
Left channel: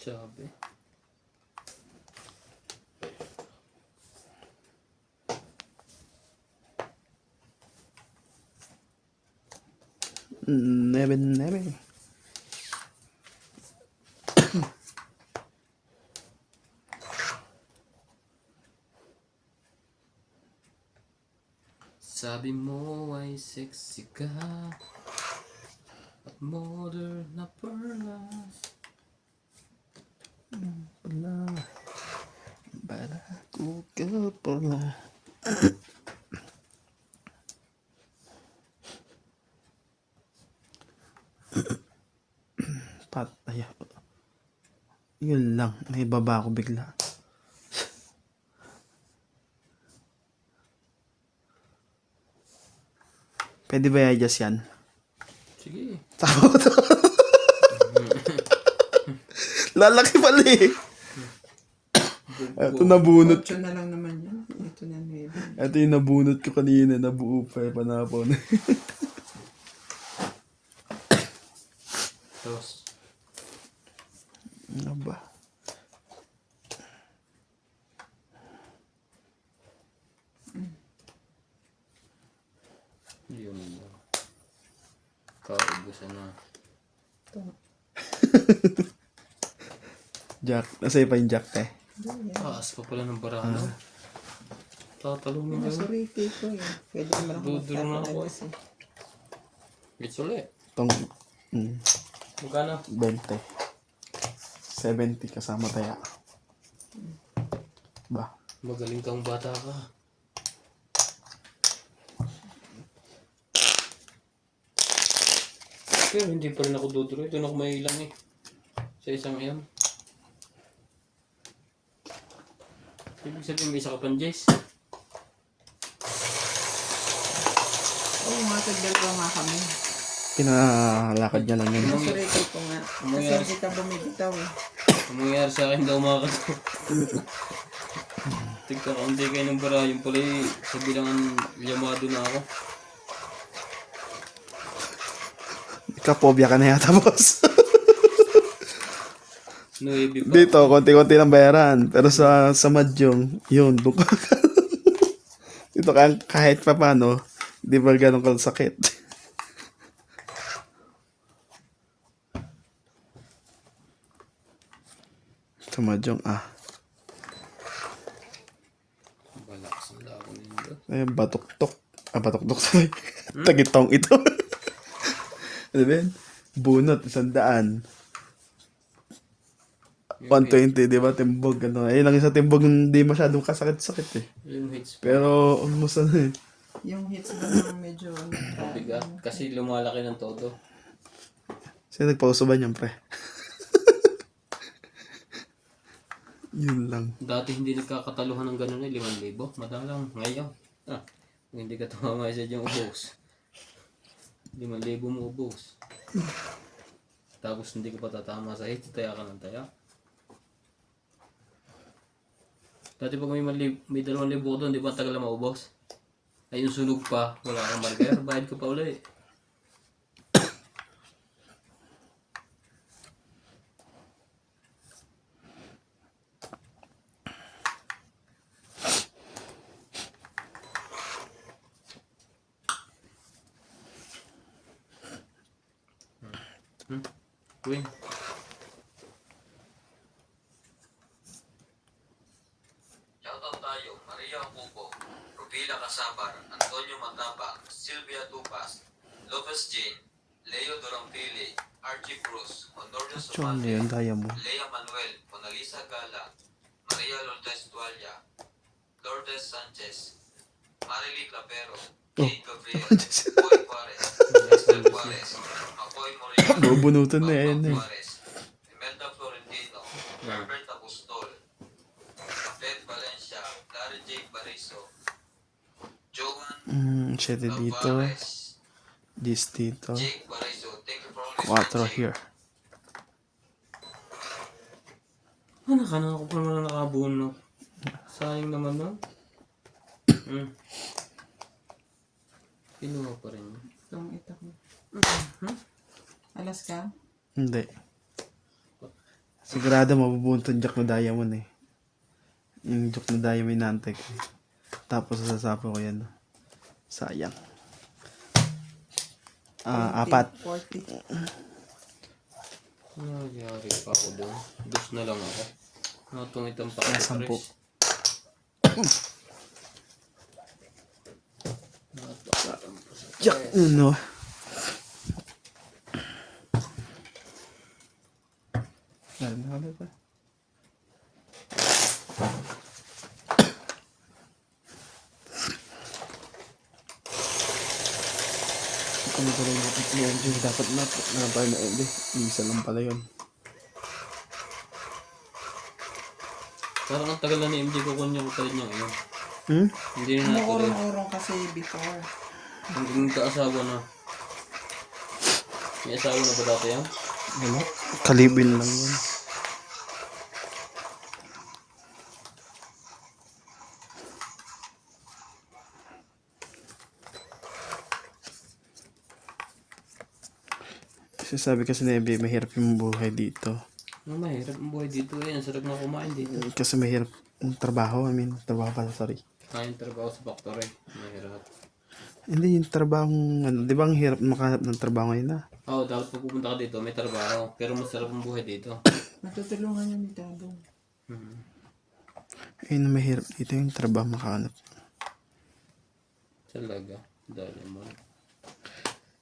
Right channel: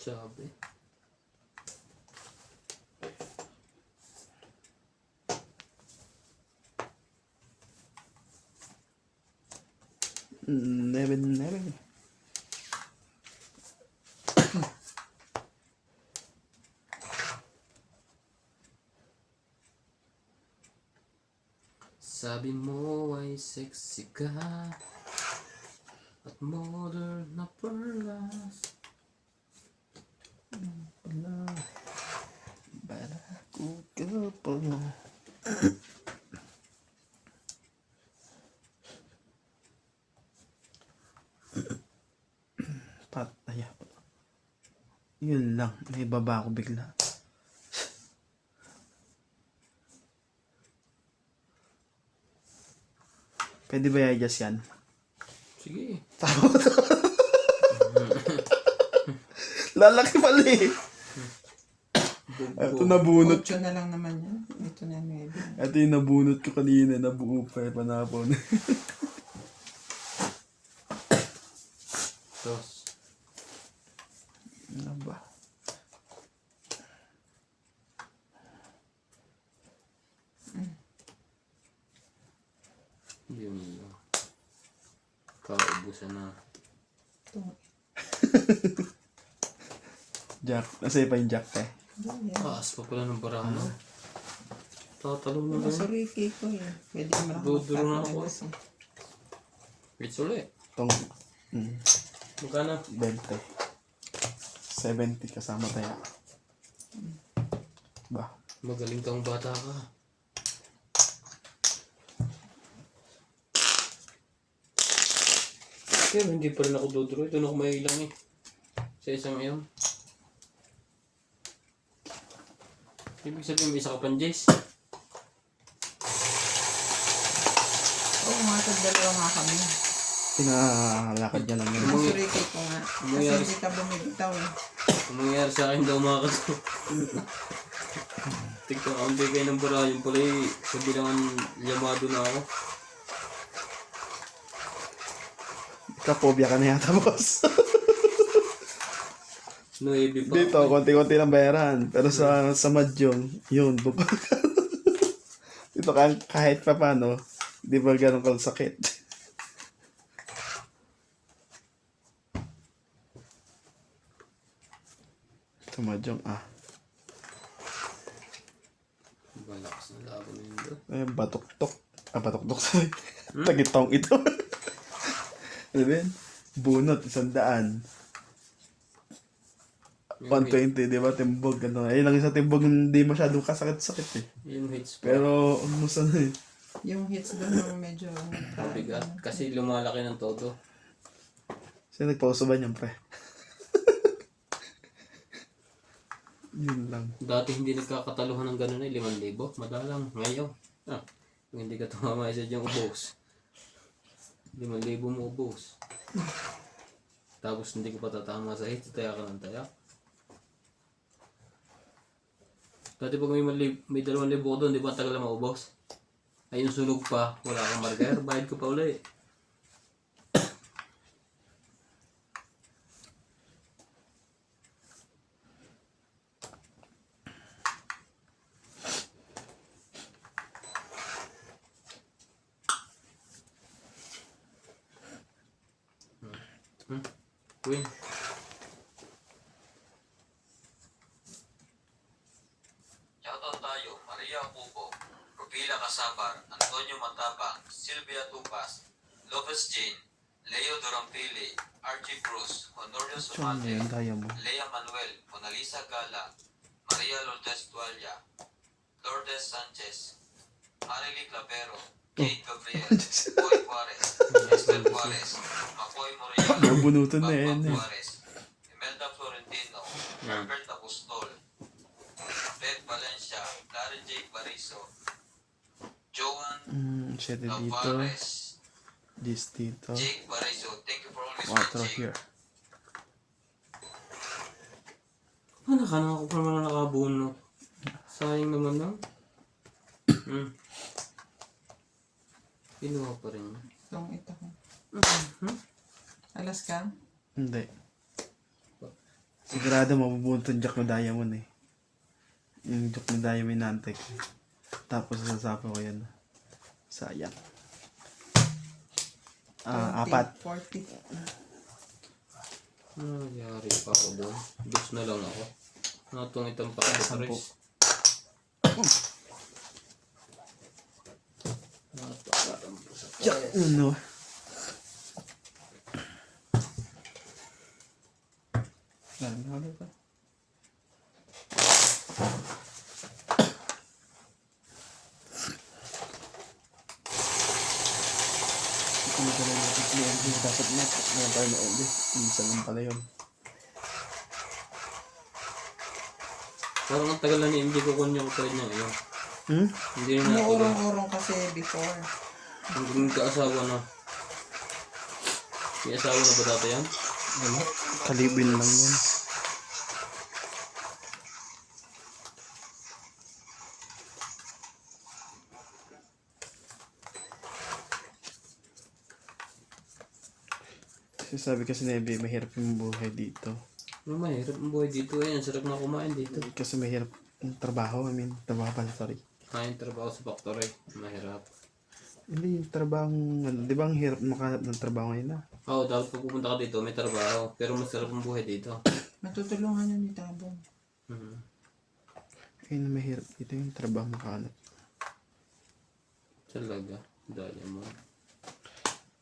Sabi. Never. Sabi mo ay sexy ka at modern na perlas. Pala. Barato ka pala. Patay. Yun lang. May baba ako bigla. Pwede ba i-adjust yan? Sige. Lalaki pala eh. Ito nabunot. 8 na lang naman yan. Ito na 9. Ito yung nabunot ko kanina. Nabuo pa eh. Panapon. Tapos, Ano ba? yun na. Kaubusan na. Ito. Jack. Nasa pa yung jack eh. Yan. Taas pa pala ng barahan. Tatalo na Mga lang. sariki ko eh. Pwede naman ako Duduro na ako. magpapalabas eh. It's ulit. Itong Magkano? 20. 70 kasama tayo. Ba? Magaling kang bata ka. Kaya hindi pa rin ako duduro. Doon ako may ilang eh. Sa isang iyon. Ibig sabihin may isa ka pang Jace. Oo nga, dalawa nga kami. Pinalalakad niya lang yun. Mga sariki ko nga. Kasi Nangyari- hindi ka bumibitaw eh. Ang mangyayari sa akin daw mga kaso. Tigka-kaunti kayo ng bara. Yung pala eh, sa bilangan yamado na ako. Kapobya ka na yata, boss. 9 pa. Dito, konti-konti lang bayaran. Pero sa Mahjong, yun, buka ka. Dito kahit pa paano, di ba ganun kasakit? Sa Mahjong, Balakas ang laban nito. ay, batok-tok. Batok-tok, sorry. Tagitong ito. Ano ba yun? Bunot, 100. 120, di ba? Timbog, ano. Ayun lang yung sa timbog, hindi masyadong kasakit-sakit eh. Yung hits pa. Pero, almost ano eh. Yung hits doon yung medyo... Bigat. Kasi lumalaki ng todo. Sino nagpauso ba niyan, pre? Yun lang. Dati hindi nagkakataluhan ng gano'n eh. 5,000. Madalang. Ngayon. Kung hindi ka tumama sa diyang ubos. 5,000 mo ubos. Tapos hindi ka pa tatama sa hits. Taya ka ng taya. Dati pag may 2,000 ko doon, di ba tagal na maubos? Ay yung sunog pa, wala kang margar, bayad ko pa ulit. Win. Shoutout tayo, Maria Pupo, Rubila Casabar, Antonio Matapang, Sylvia Tupas, Lopez Jane, Leo Dorampili, Archie Cruz, Honorio Chong Sumante, yun, kaya mo. Lea Manuel, Monalisa Gala, Maria Lourdes Tualia, Lourdes Sanchez, Marily Clapero, Kate Gabriel, Boy Juarez, Esther Juarez, Makoy Morial, Bubunutan na yan Bambang eh. Juarez, Imelda Florentino, Herbert Apostol, Fred Valencia, Larry J. Bariso, Johan 7 dito. Tavares, This dito. Jake Bariso. Thank you for always 4 watching. here. Anak ka na ako pa naman nakabuno. Sayang naman na. Pinuha pa rin. Yung ito ko. Alas ka? Hindi. Sigurado mabubunton jack na diamond eh. Yung jack na diamond inaantay ko eh. Tapos sasapa ko yan. Sayang. 4. 40. Nangyari pa ako doon. Dos na lang ako. Natungitang pa ako 10. Chris. Jack, ano? Ano ba? Ano ba rin natin si MJ? Dapat na. Meron tayo na MJ. Isa lang pala yun. Parang ang tagal na ni MJ kukunin yung tulad niya ngayon. Hmm? Hindi na natuloy. Umuurong-urong kasi before. Hindi kaasawa na. May asawa na ba dati yan? Wala. Kalibin lang yun. Sabi kasi na MJ, mahirap yung buhay dito. Ang mahirap ang buhay dito eh. Ang sarap na kumain dito. Kasi mahirap yung trabaho. I mean, trabaho pala, sorry. Kain trabaho sa factory. Mahirap. Hindi yung trabaho, ano, di ba ang hirap makahanap ng trabaho ngayon na? Oo, dapat pag pupunta ka dito, may trabaho. Pero masarap ang buhay dito. Matutulungan niya ni Tabang. Ayun na mahirap dito yung trabaho makahanap. Talaga. Dali mo.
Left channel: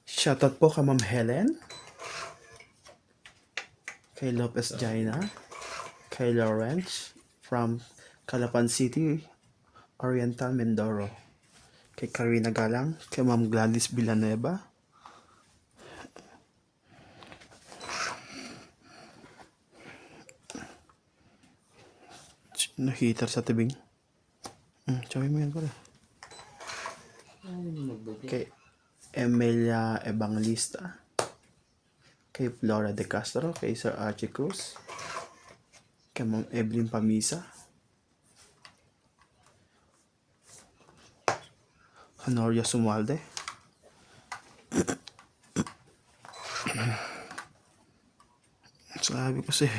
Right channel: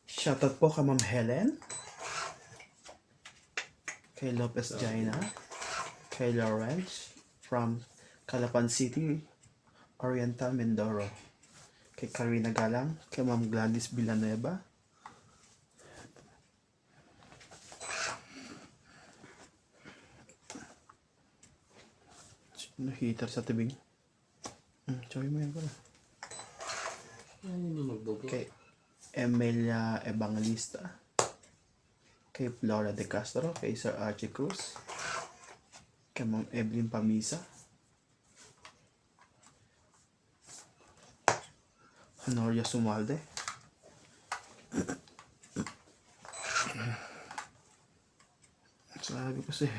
Shoutout po kay Ma'am Helen. Kay Lopez Jaina. Kay Lawrence from Calapan City, Oriental, Mindoro. Kay Karina Galang. Kay Ma'am Gladys Villanueva. Sino heater sa tibing? Sabi mo yan pala. Ayun yung nagbubo. Kay Emilia Evangelista. Kay Flora De Castro. Kay Sir Archie Cruz. Kay Ma'am Evelyn Pamisa. Honoria Sumalde. Sabi ko sa'yo,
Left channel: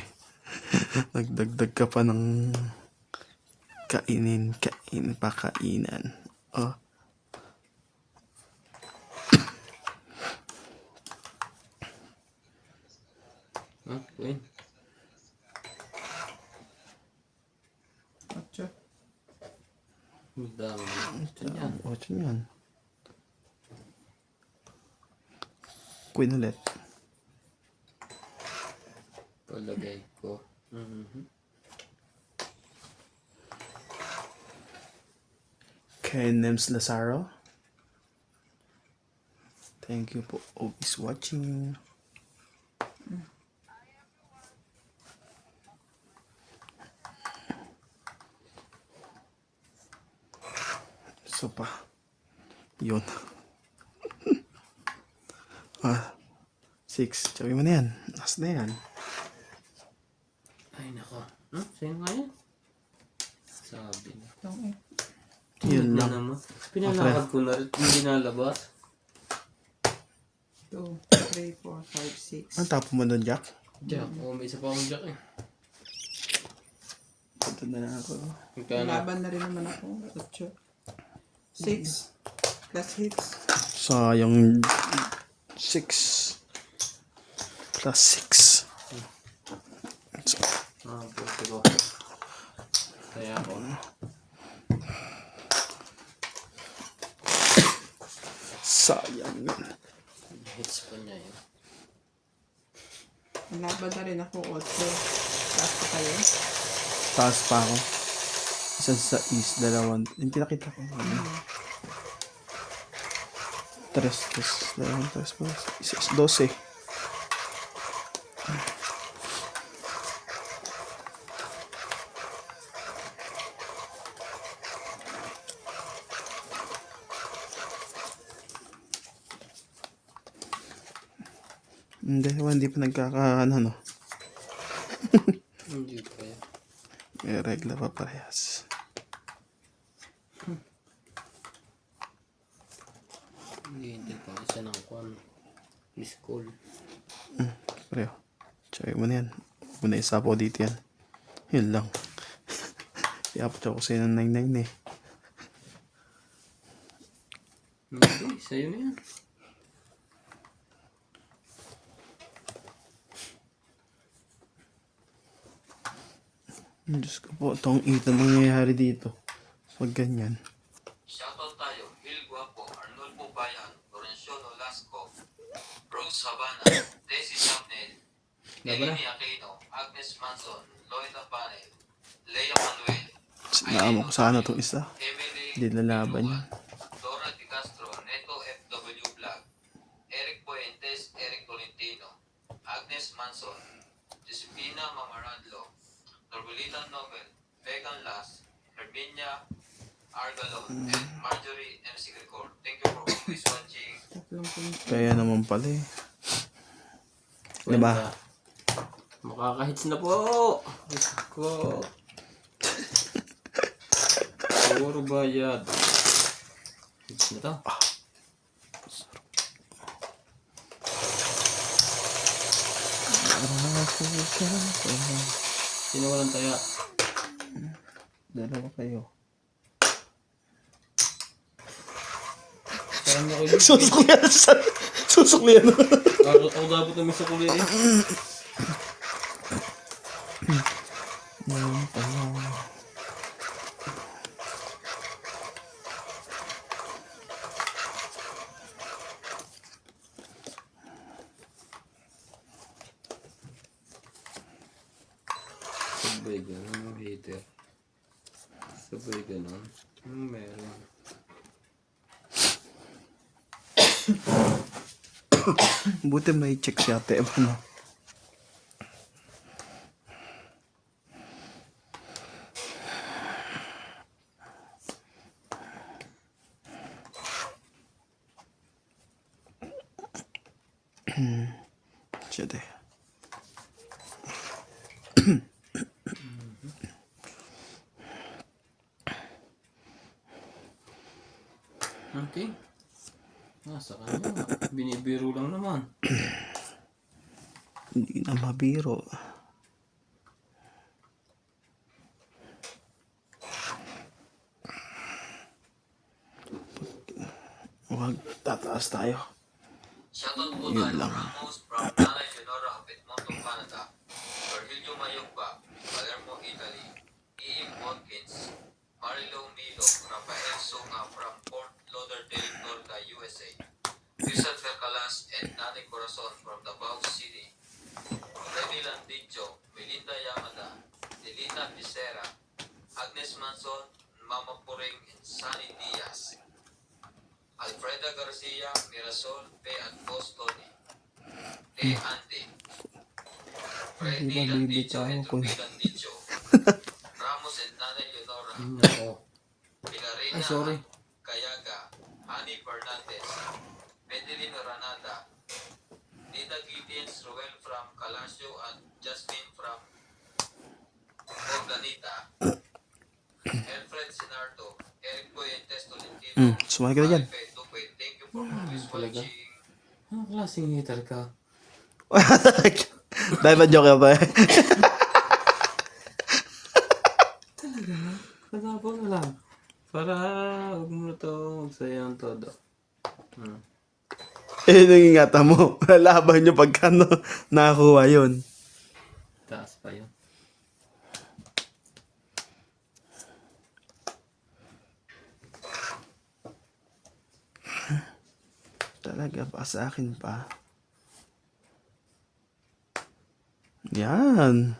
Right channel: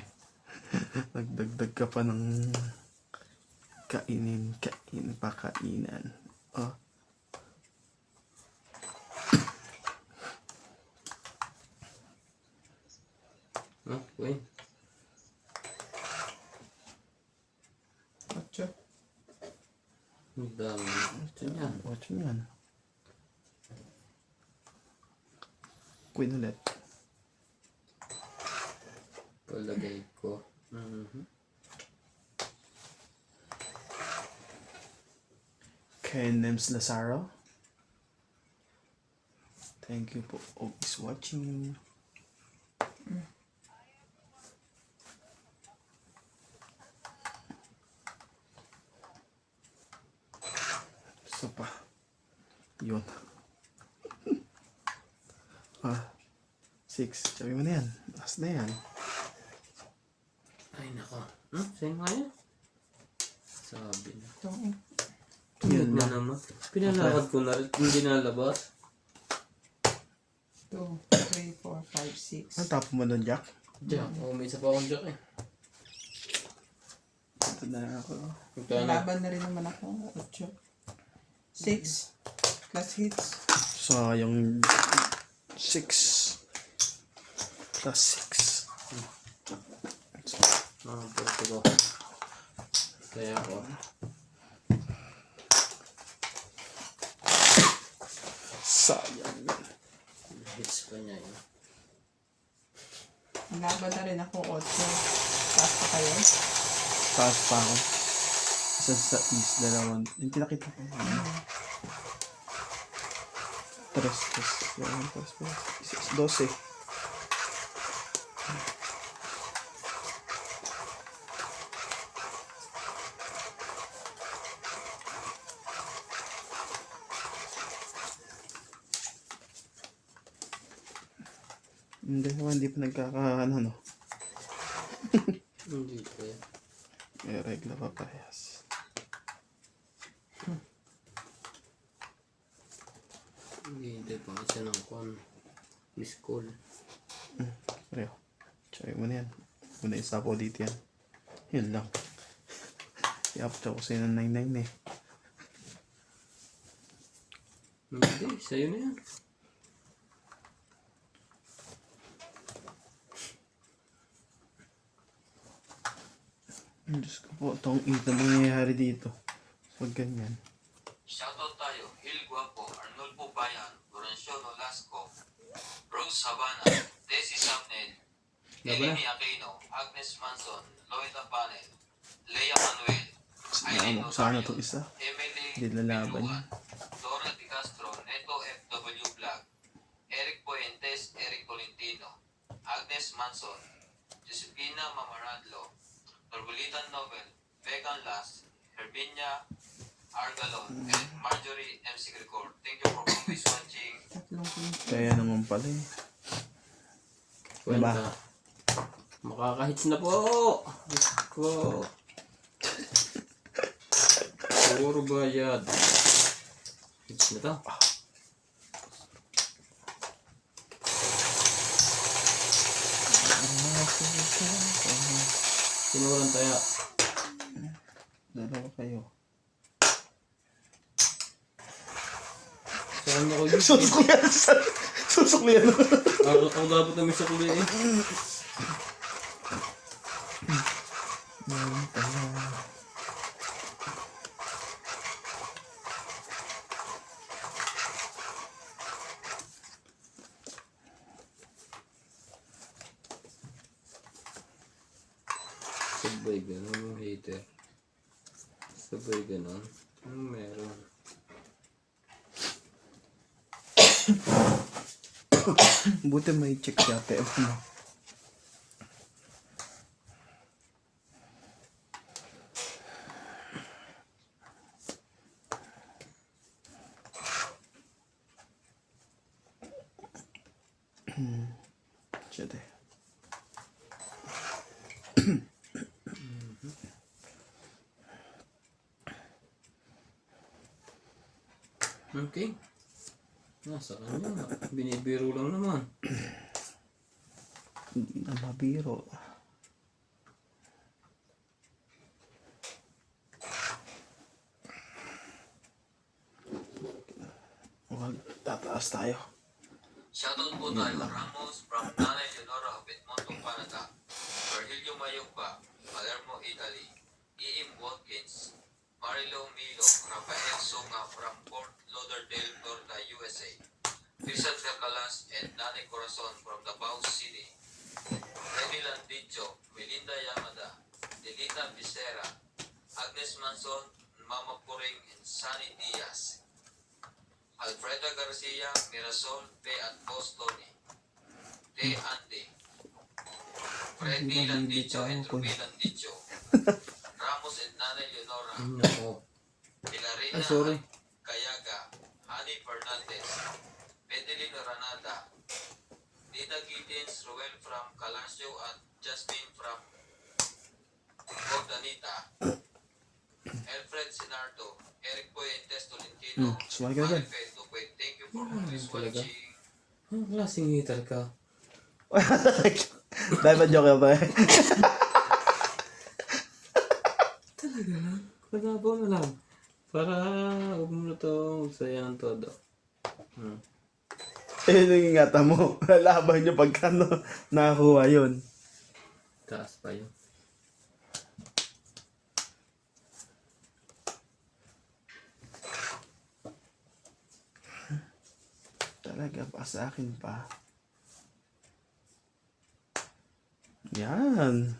nagdagdag ka pa ng pakainan. Oh. Ha? Queen? Ocho. Ang dami. Ito yan. Watch mo yan. Queen ulit. Palagay ko. Mhm. Kay Nems Lazaro. Thank you po always watching. So pa. Yun. 6. Sabi mo na yan. Last na yan. Ay, nako. Sa'yo nga yan. Sabi na. Itong Yun na lang. naman. Pinalakad ko na rin. Hindi nalabas. 2, 3, 4, 5, 6. Ang tapo mo doon, Jack? Jack. Oh, may isa pa akong jack eh. Ito na ako. Magkano? Laban na rin naman ako. 8. 6. Plus hits. Sayang 6 plus 6. Pwede ko. Kaya ako. Sayang yun. Hits pa niya yun. Laban na rin ako. 8. Taas pa kayo. Taas pa ako. Isa sa east, dalawang. Hindi nakita ko. 3, 12. Hindi pa nagkakaano, no? Hindi pa yan. May regla pa parehas. Hindi pa. Isa ng kwan. Miss call. Pareho. Tsayo mo na yan. Huwag mo na isapo dito yan. Yun lang. Iapot ako sa'yo ng 99 eh. Hindi. Sa'yo na yan. Diyos ko po, itong ito nangyayari dito. Pag ganyan. Shoutout tayo, Hil Guapo, Arnulfo Bayan, Lorenzo Nolasco, Rose Habana, Desi Sapnel, Eleni Aquino, Agnes Manson, Loila Panel, Lea Manuel, Sinama ko sana itong isa. Emily Hindi lalaban yan. Dora Di Castro, Neto FW Vlog, Manson, Josefina Mamaradlo, Norbulitan Nobel, Vegan Las, Herminia Argalon, and Marjorie MC Grigor. Thank you for always watching. Tatlong pinto. Kaya naman pala eh. Diba? Kwenta. Makakahits na po! Diyos ko! Puro bayad. Hits na to. Sino walang taya? Dalawa kayo. Saan na ulit? Susuklian sa... Susuklian. Ako dapat naman sa kulin eh. Sabay ganun yung hater. Sabay ganun. Meron. Buti may check si ate. Ano? Siya de. Okay. Nasa kanya. Binibiro lang naman. Hindi na mabiro. Huwag tataas tayo. Shoutout po tayo Ramos from Nanay Leonora of Edmonton, Canada. Virgilio Mayugba, Palermo, Italy. E.M. Watkins, Marilo Milo, Rafael Sunga from Fort Lauderdale, Florida, USA. Rizal Carcalas and Nanay Corazon from Davao City. Remy Landicho, Melinda Yamada, Delita Picera, Agnes Manson, Mama Puring, and Sunny Diaz. Alfreda Garcia, Mirasol, P. at Bostoni. T. Andy. Freddy Landicho and Ruby Landicho. Ramos and Nanay Leonora. Nako. Pilarina Ay, sorry. Cayaga. Hani Fernandez. Medelin Ranada. Nina Giddens, Ruel from Calasio, and Jasmine from Boganita. Alfred Sinardo. Eric Boyentes Tolentino. Sumali ka na dyan. Thank you for always talaga. watching. Anong klaseng hater ka? Dahil ba joke ba? Talaga na? Kalabaw na lang. Para huwag mo na ito magsayang todo. Eh, nangingata mo. Lalaban nyo pagka nakakuha yun. Taas pa yun. Talaga pa sa akin pa. Yan.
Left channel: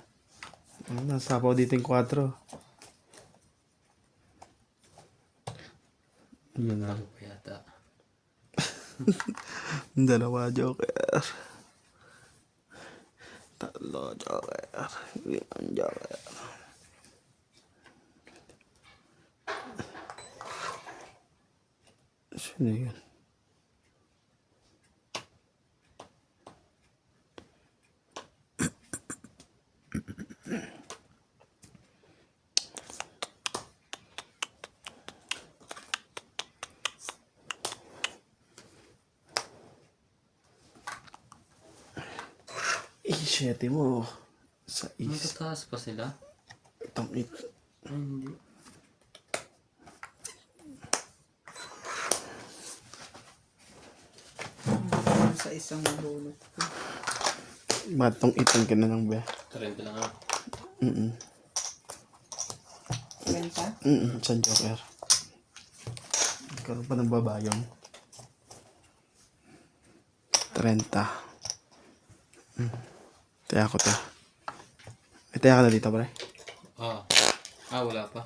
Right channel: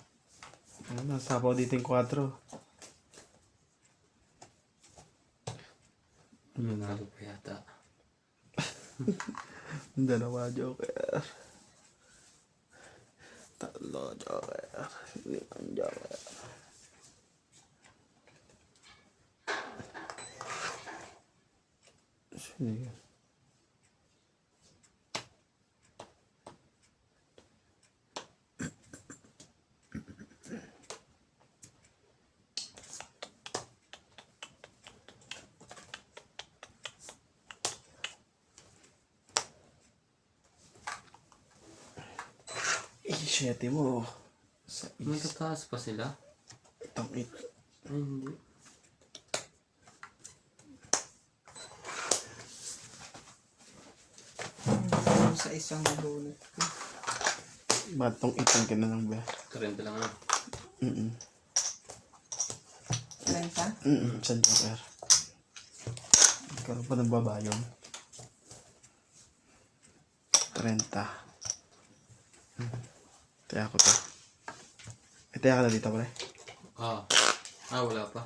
Ayun, nasapaw dito yung 4. Yun na pa yata. Dalawa joker. Tatlo joker. 5 joker. Sino yun? Siyete mo. Sa is. Magkataas pa sila? Itong 8. Ay, hindi. Sa isang nabulot ko. Matong 8 ka na lang ba? 30 lang ah. Renta? Isang joker. Karoon pa ng babayan. 30. Taya ko to. May taya ka na dito, pre? Ah. Ah, wala pa.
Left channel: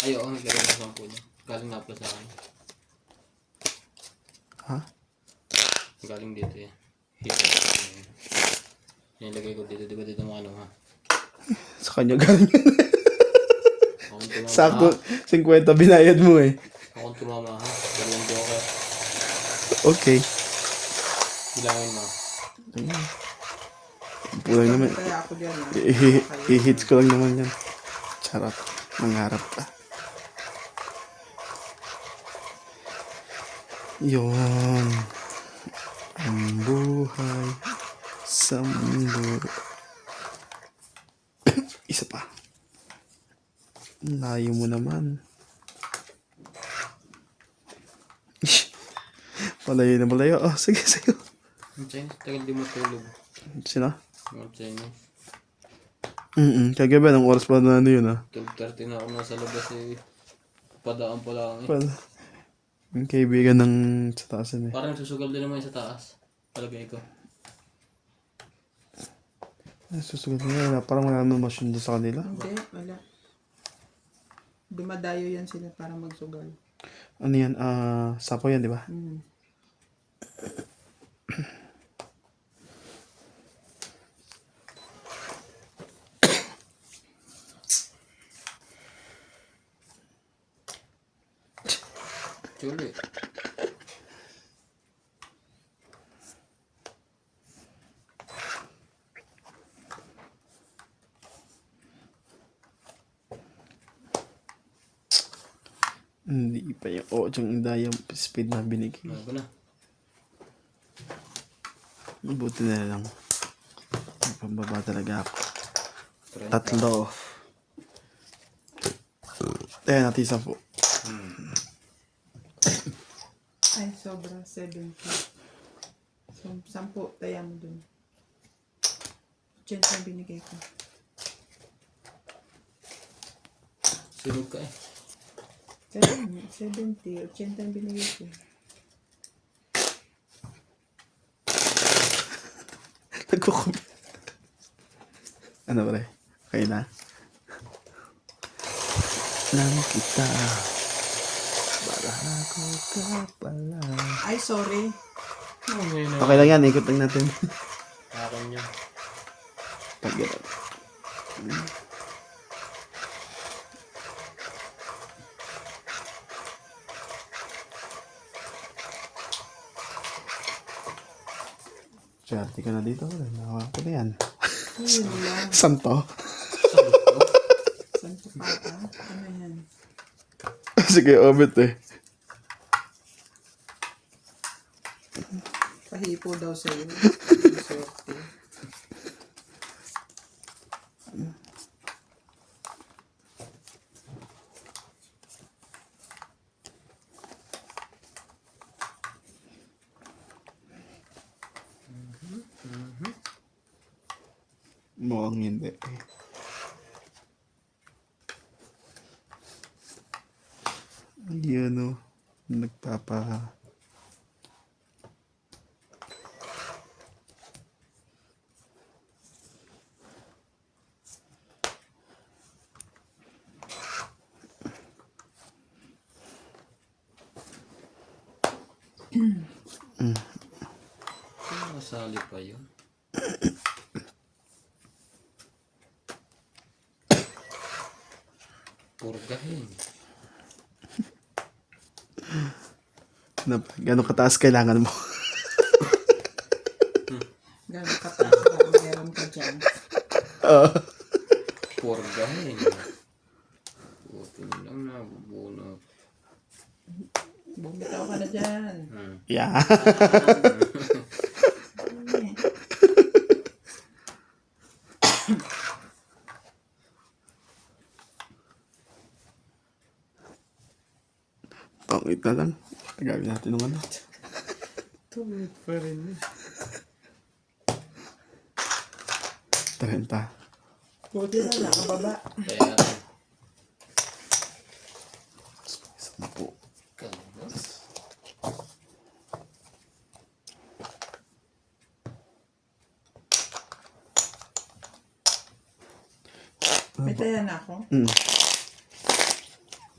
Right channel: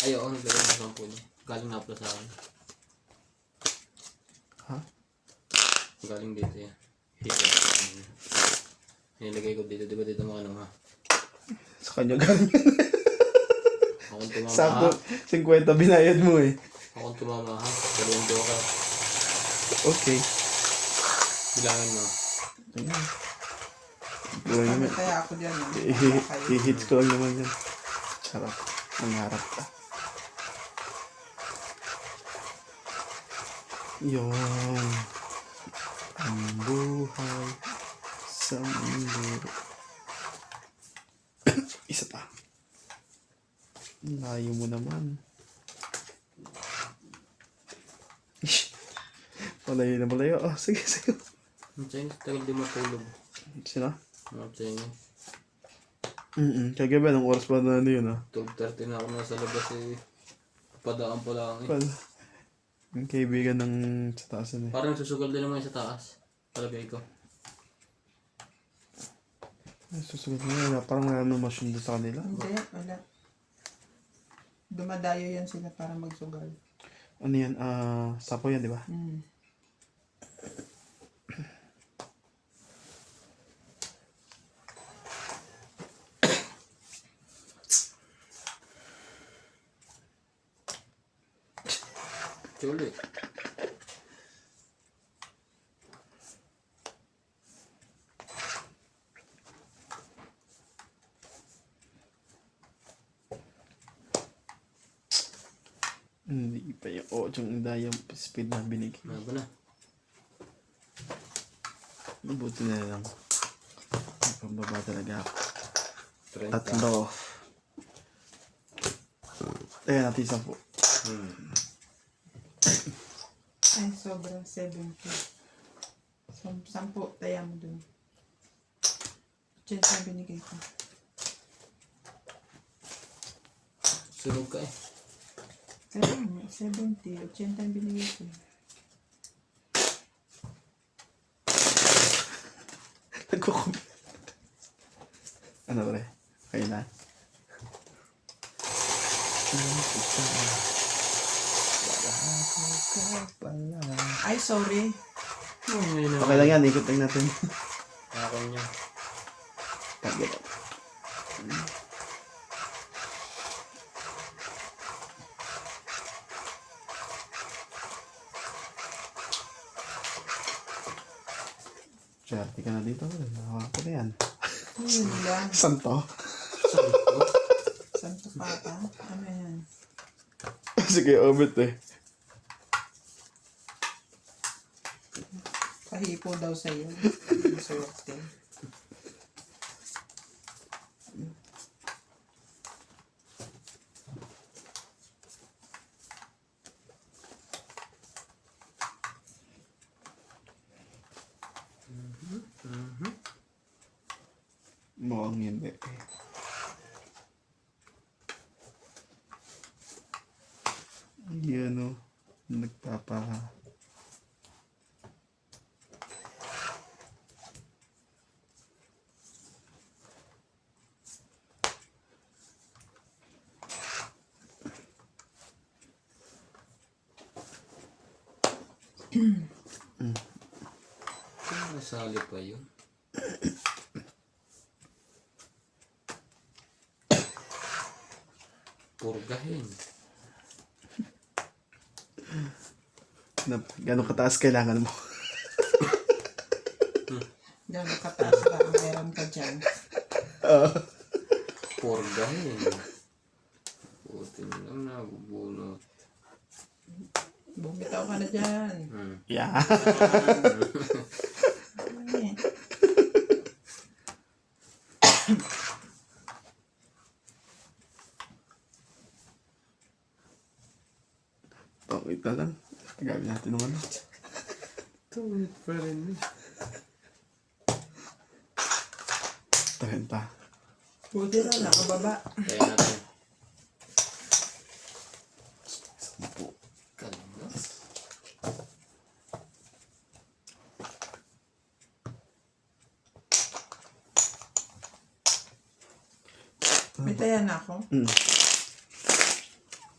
Ay, oo, naglagay na 10 niya. Galing nga pala sa akin. Ha? Galing dito yan. Hito. Nilagay ko dito, di ba dito mga ano ha? Sa kanya galing. Akong tumama Sakto, ha? 50 binayad mo eh. Akong tumama ha? Pero hindi ako. Okay. Bilangin mo. Ayan. Buhay naman. Kaya ako dyan ah. I-hits ko lang naman yan. Charot. Mangarap ka. Yun. Ang buhay sa mundo. Isa pa. Layo mo naman. Malayo na malayo. Oh, sige, sige. Yung Chinese, tagal di matulog. Sino? Mga Chinese. Kagabi, ng oras pa na ano yun ah. 12:30 na ako nasa labas eh. Padaan pa lang eh. Well, yung kaibigan ng sa taas yun eh. Parang susugal din naman yung sa taas. Palagay ko. Susunod na, parang wala naman masyado sa kanila. Hindi, wala. Dumadayo yan sila para magsugal. Ano yan? Sapo yan, di ba? Mm. Chuli. Hindi pa yung yung indayang speed na binigay. Ano ba na? Mabuti na lang. Pababa talaga ako. 30. Tatlo. Ayan, natin 10. Ay, sobra. 70. 10, taya mo dun. 80 ang binigay ko. Sinog ka eh. 70. 80 ang binigay ko. Nagkukubi. Ano ba rin? Okay na? Alam kita. Barako ka pala. Ay, sorry. Oh, ngayon na. Okay lang yan, ikot lang natin. Akin niya. Pag-get. Swerte ka na dito. Nakaka na yan. Yun lang. Santo. Santo pata. Ano yan? Sige, omit eh. Pahipo daw sa'yo. Swerte. Mukhang hindi. Yan o. Nagpapa... Nasali pa yun. Purgahin. Gano'ng kataas kailangan mo? Gano'ng kataas ba ang meron ka dyan? Purgahin. Puto lang na, bubunot. Bumitaw ka na dyan. Yeah. Ay, Pangit na lang. Gagawin natin ng ano. tuwid pa rin. 30. Buti na nakababa. Kaya natin. 10. Kalmas. May taya na ako.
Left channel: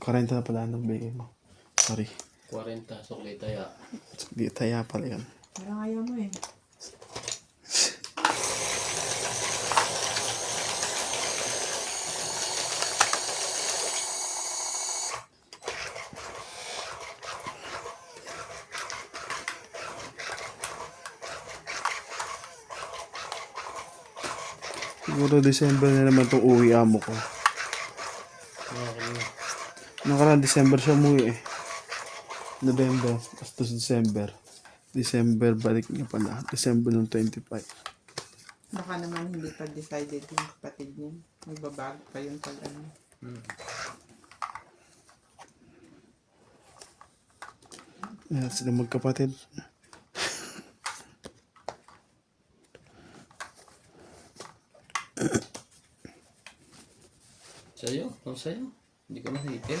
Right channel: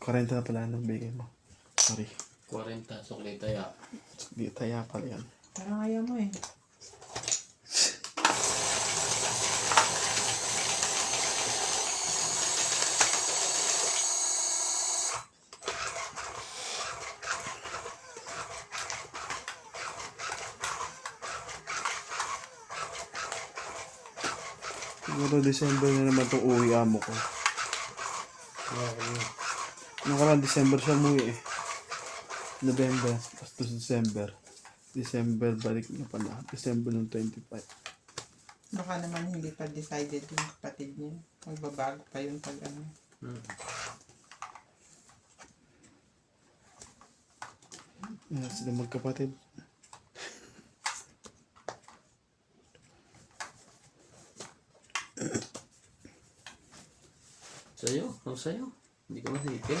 40 na pala ng bigay mo. Sorry. 40, sukli taya. Di taya pala yan. Parang ayaw mo eh. Siguro December na naman itong uwi amo ko. Okay. Nakaraan December siya umuwi eh. November, tapos December. December, balik niya pala. December ng 25. Baka naman hindi pa decided yung kapatid niya. Magbabago pa yun pag ano. Ayan sila magkapatid. Sa'yo? Kung sa'yo? Hindi ka ma-hater.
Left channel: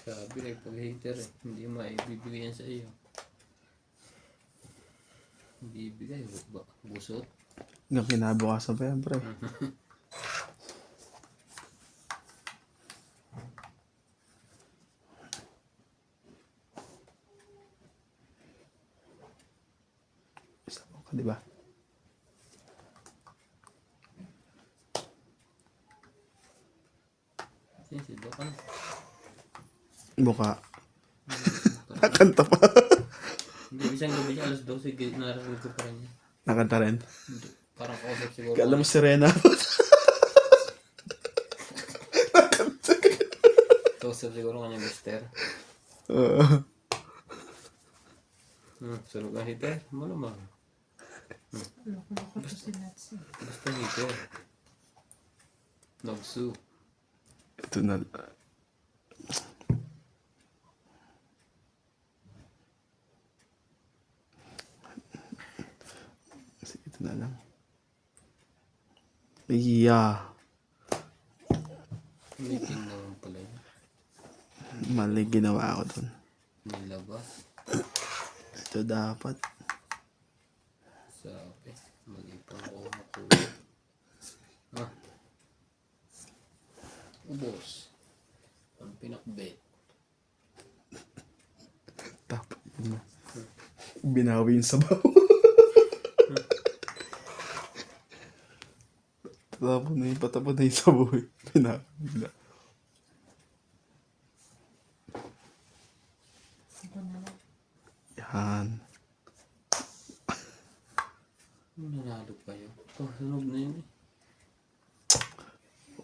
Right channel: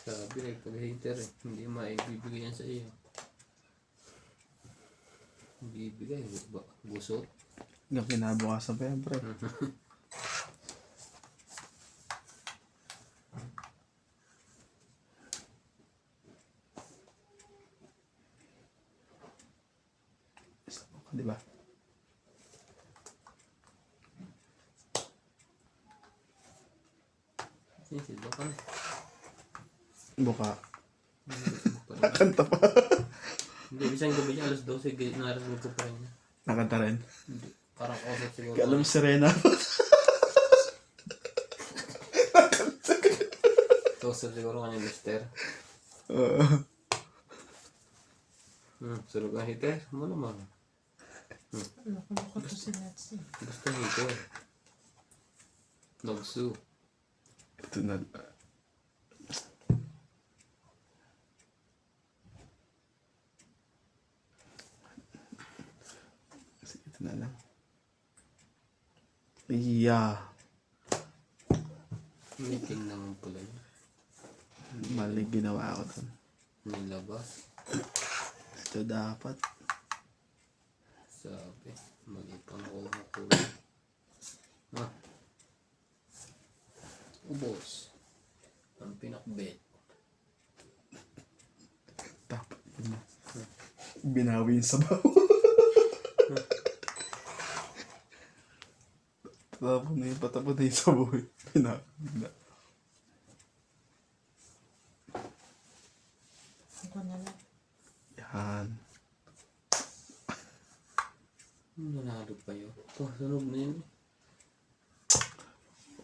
Sabi like pag-hater eh. Hindi maibibigay yan sa iyo. Hindi ibigay. Busot. Hanggang kinabukasan pa yan, pre. Isa ka, di ba? Sisiba ka na. Buka. Parang- Nakanta pa. Hindi, isang gabi niya, alas 12, narinig ko pa rin niya. Nakanta rin. Hindi, parang kausap siguro. Kala mo Serena. Kausap siguro kanya mister. Sunog ang hater? Ano naman? Loko-loko to si Natsi. Basta hater. Nagsu. Ito na. Sige, ito na lang. Yeah. Meeting naman pala yun. Mali ginawa ko dun. Nilabas. Ito dapat. Sabi. Mali pa ako makuha. Ah. Ubos. Ang pinakbet. Dapat. Binawi yung sabaw. Patapon na yung sabaw. Binawi. Ako na lang. Yan. Nanalo pa yun. Oh, sunog na yun.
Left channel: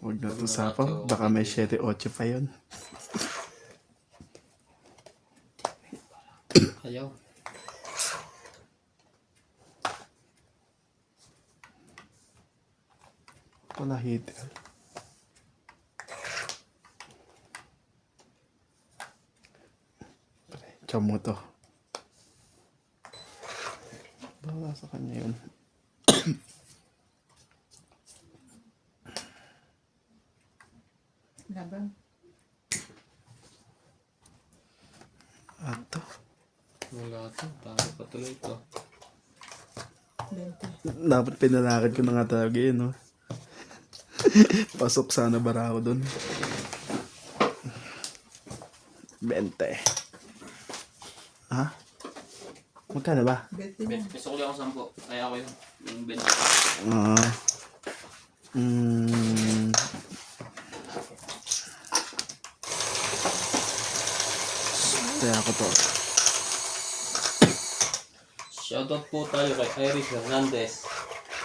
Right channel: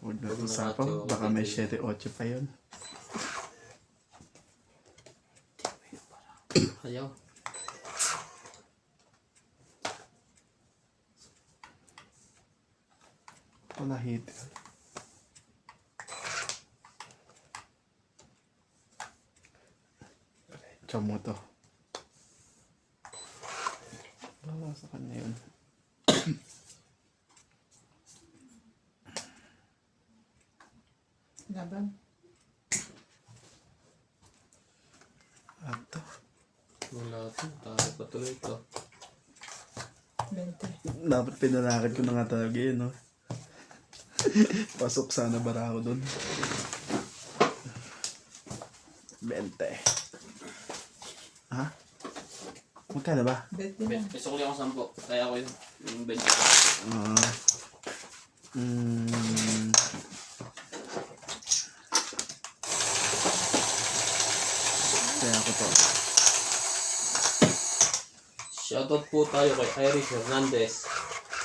Huwag na Pag itong sapang. nakacho, Baka may okay. 7-8 pa yun. Ayaw. Wala hitter. Diyan mo to. Baka sa kanya yun. Laban. Ato. Wala to. Tayo pa tuloy to. 20. Dapat pinalakad ko na nga talaga yun, no? Pasok sana bara ako dun. 20. Ha? Magkano ba? 20 lang. Gusto ko lang ako 10. Kaya ako yung bench. Ah. Kaya ako to. Shoutout po tayo kay Iris Hernandez,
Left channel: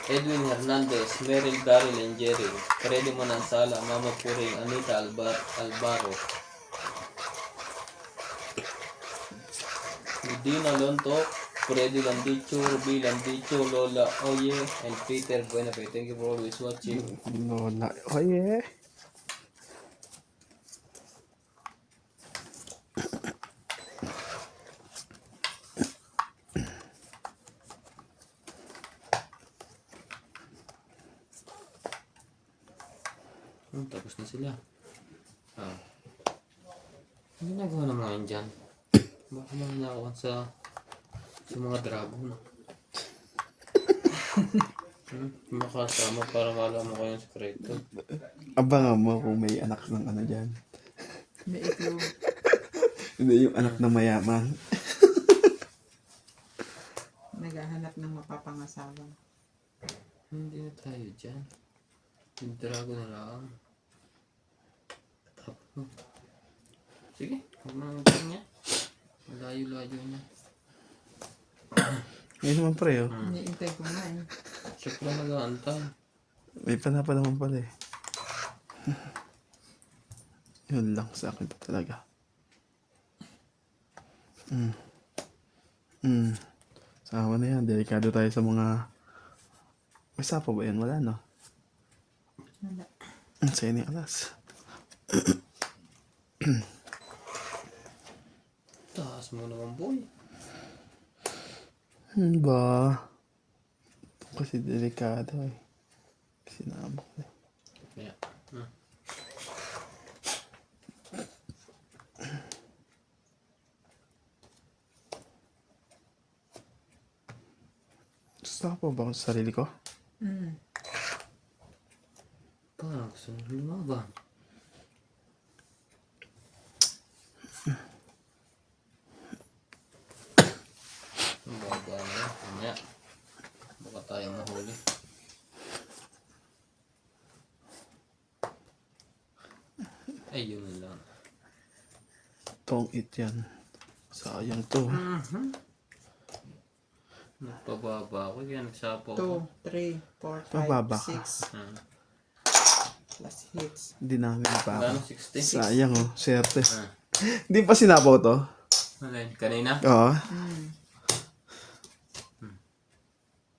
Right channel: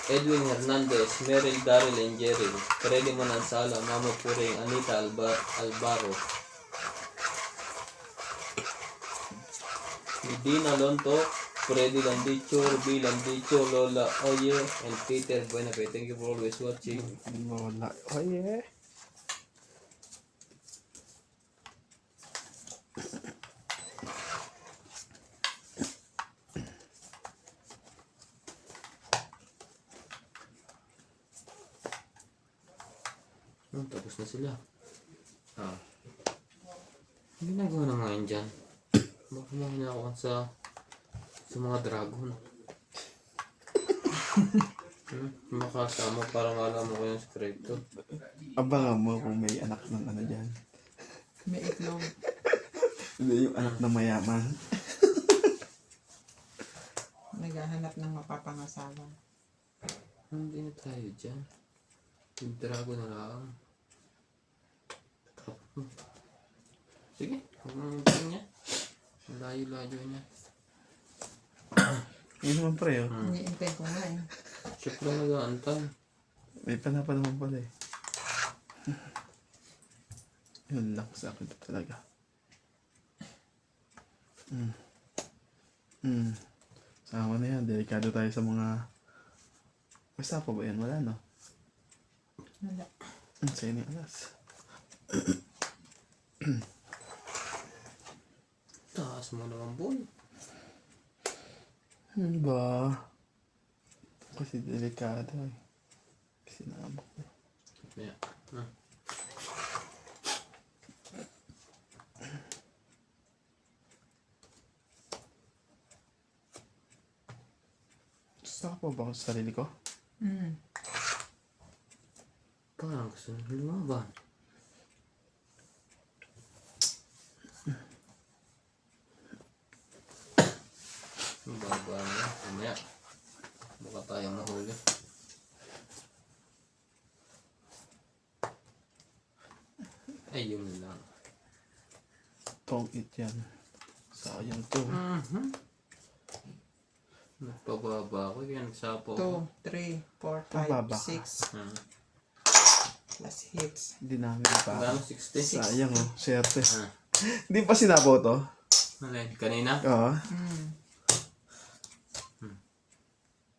Edwin Hernandez, Meryl, Daryl, and Jerry. Freddy Manansala, Mama Puring, Anita Albaro. Dina Lonto, Freddy Landicho, Ruby Landicho, Lola Oye, and Peter Buenafe. Thank you for always watching. Wala. Oh yeah. Tapos na sila. Ah. Ang ginagawa ng mga yan dyan? Baka mangyakawan sa mga dragon. Makasama parang alam mo kayong sekreto. Abangan mo kung may anak ng ano dyan. May itlog. Hindi yung anak ng mayaman. Naghahanap ng mapapangasawa. Hindi na tayo dyan. Yung dragon na lang. Sige, huwag mong niya. Malayo-layo niya. Ngayon naman pre, oh. Iniintay ko nga eh. Siya pala nag-aantay. May panapa naman pala eh. Yun lang sa akin pa talaga. Sama na yan. Delikado tayo sa mga... May sapa ba yan? Wala no? Wala. Sa'yo ni alas. Taas mo naman, boy. Ba? Kasi delikado eh. Kasi naabok eh. Kaya, Gusto ko ba ako sa sarili ko? parang gusto nang lumaban. Ang baba niya. Mamaya. Baka tayo mahuli. Ayun lang. Tong it yan. Sayang to eh. Nagpababa ako. Kaya nagsapo 2, ako. 3, 4, Mababa 5, ka. 6. Ah. Plus hits. Hindi namin pa ako. Gano'n? 60? Sayang oh. Swerte. Ah. Hindi pa sinabaw to? Alin? Kanina? Oo.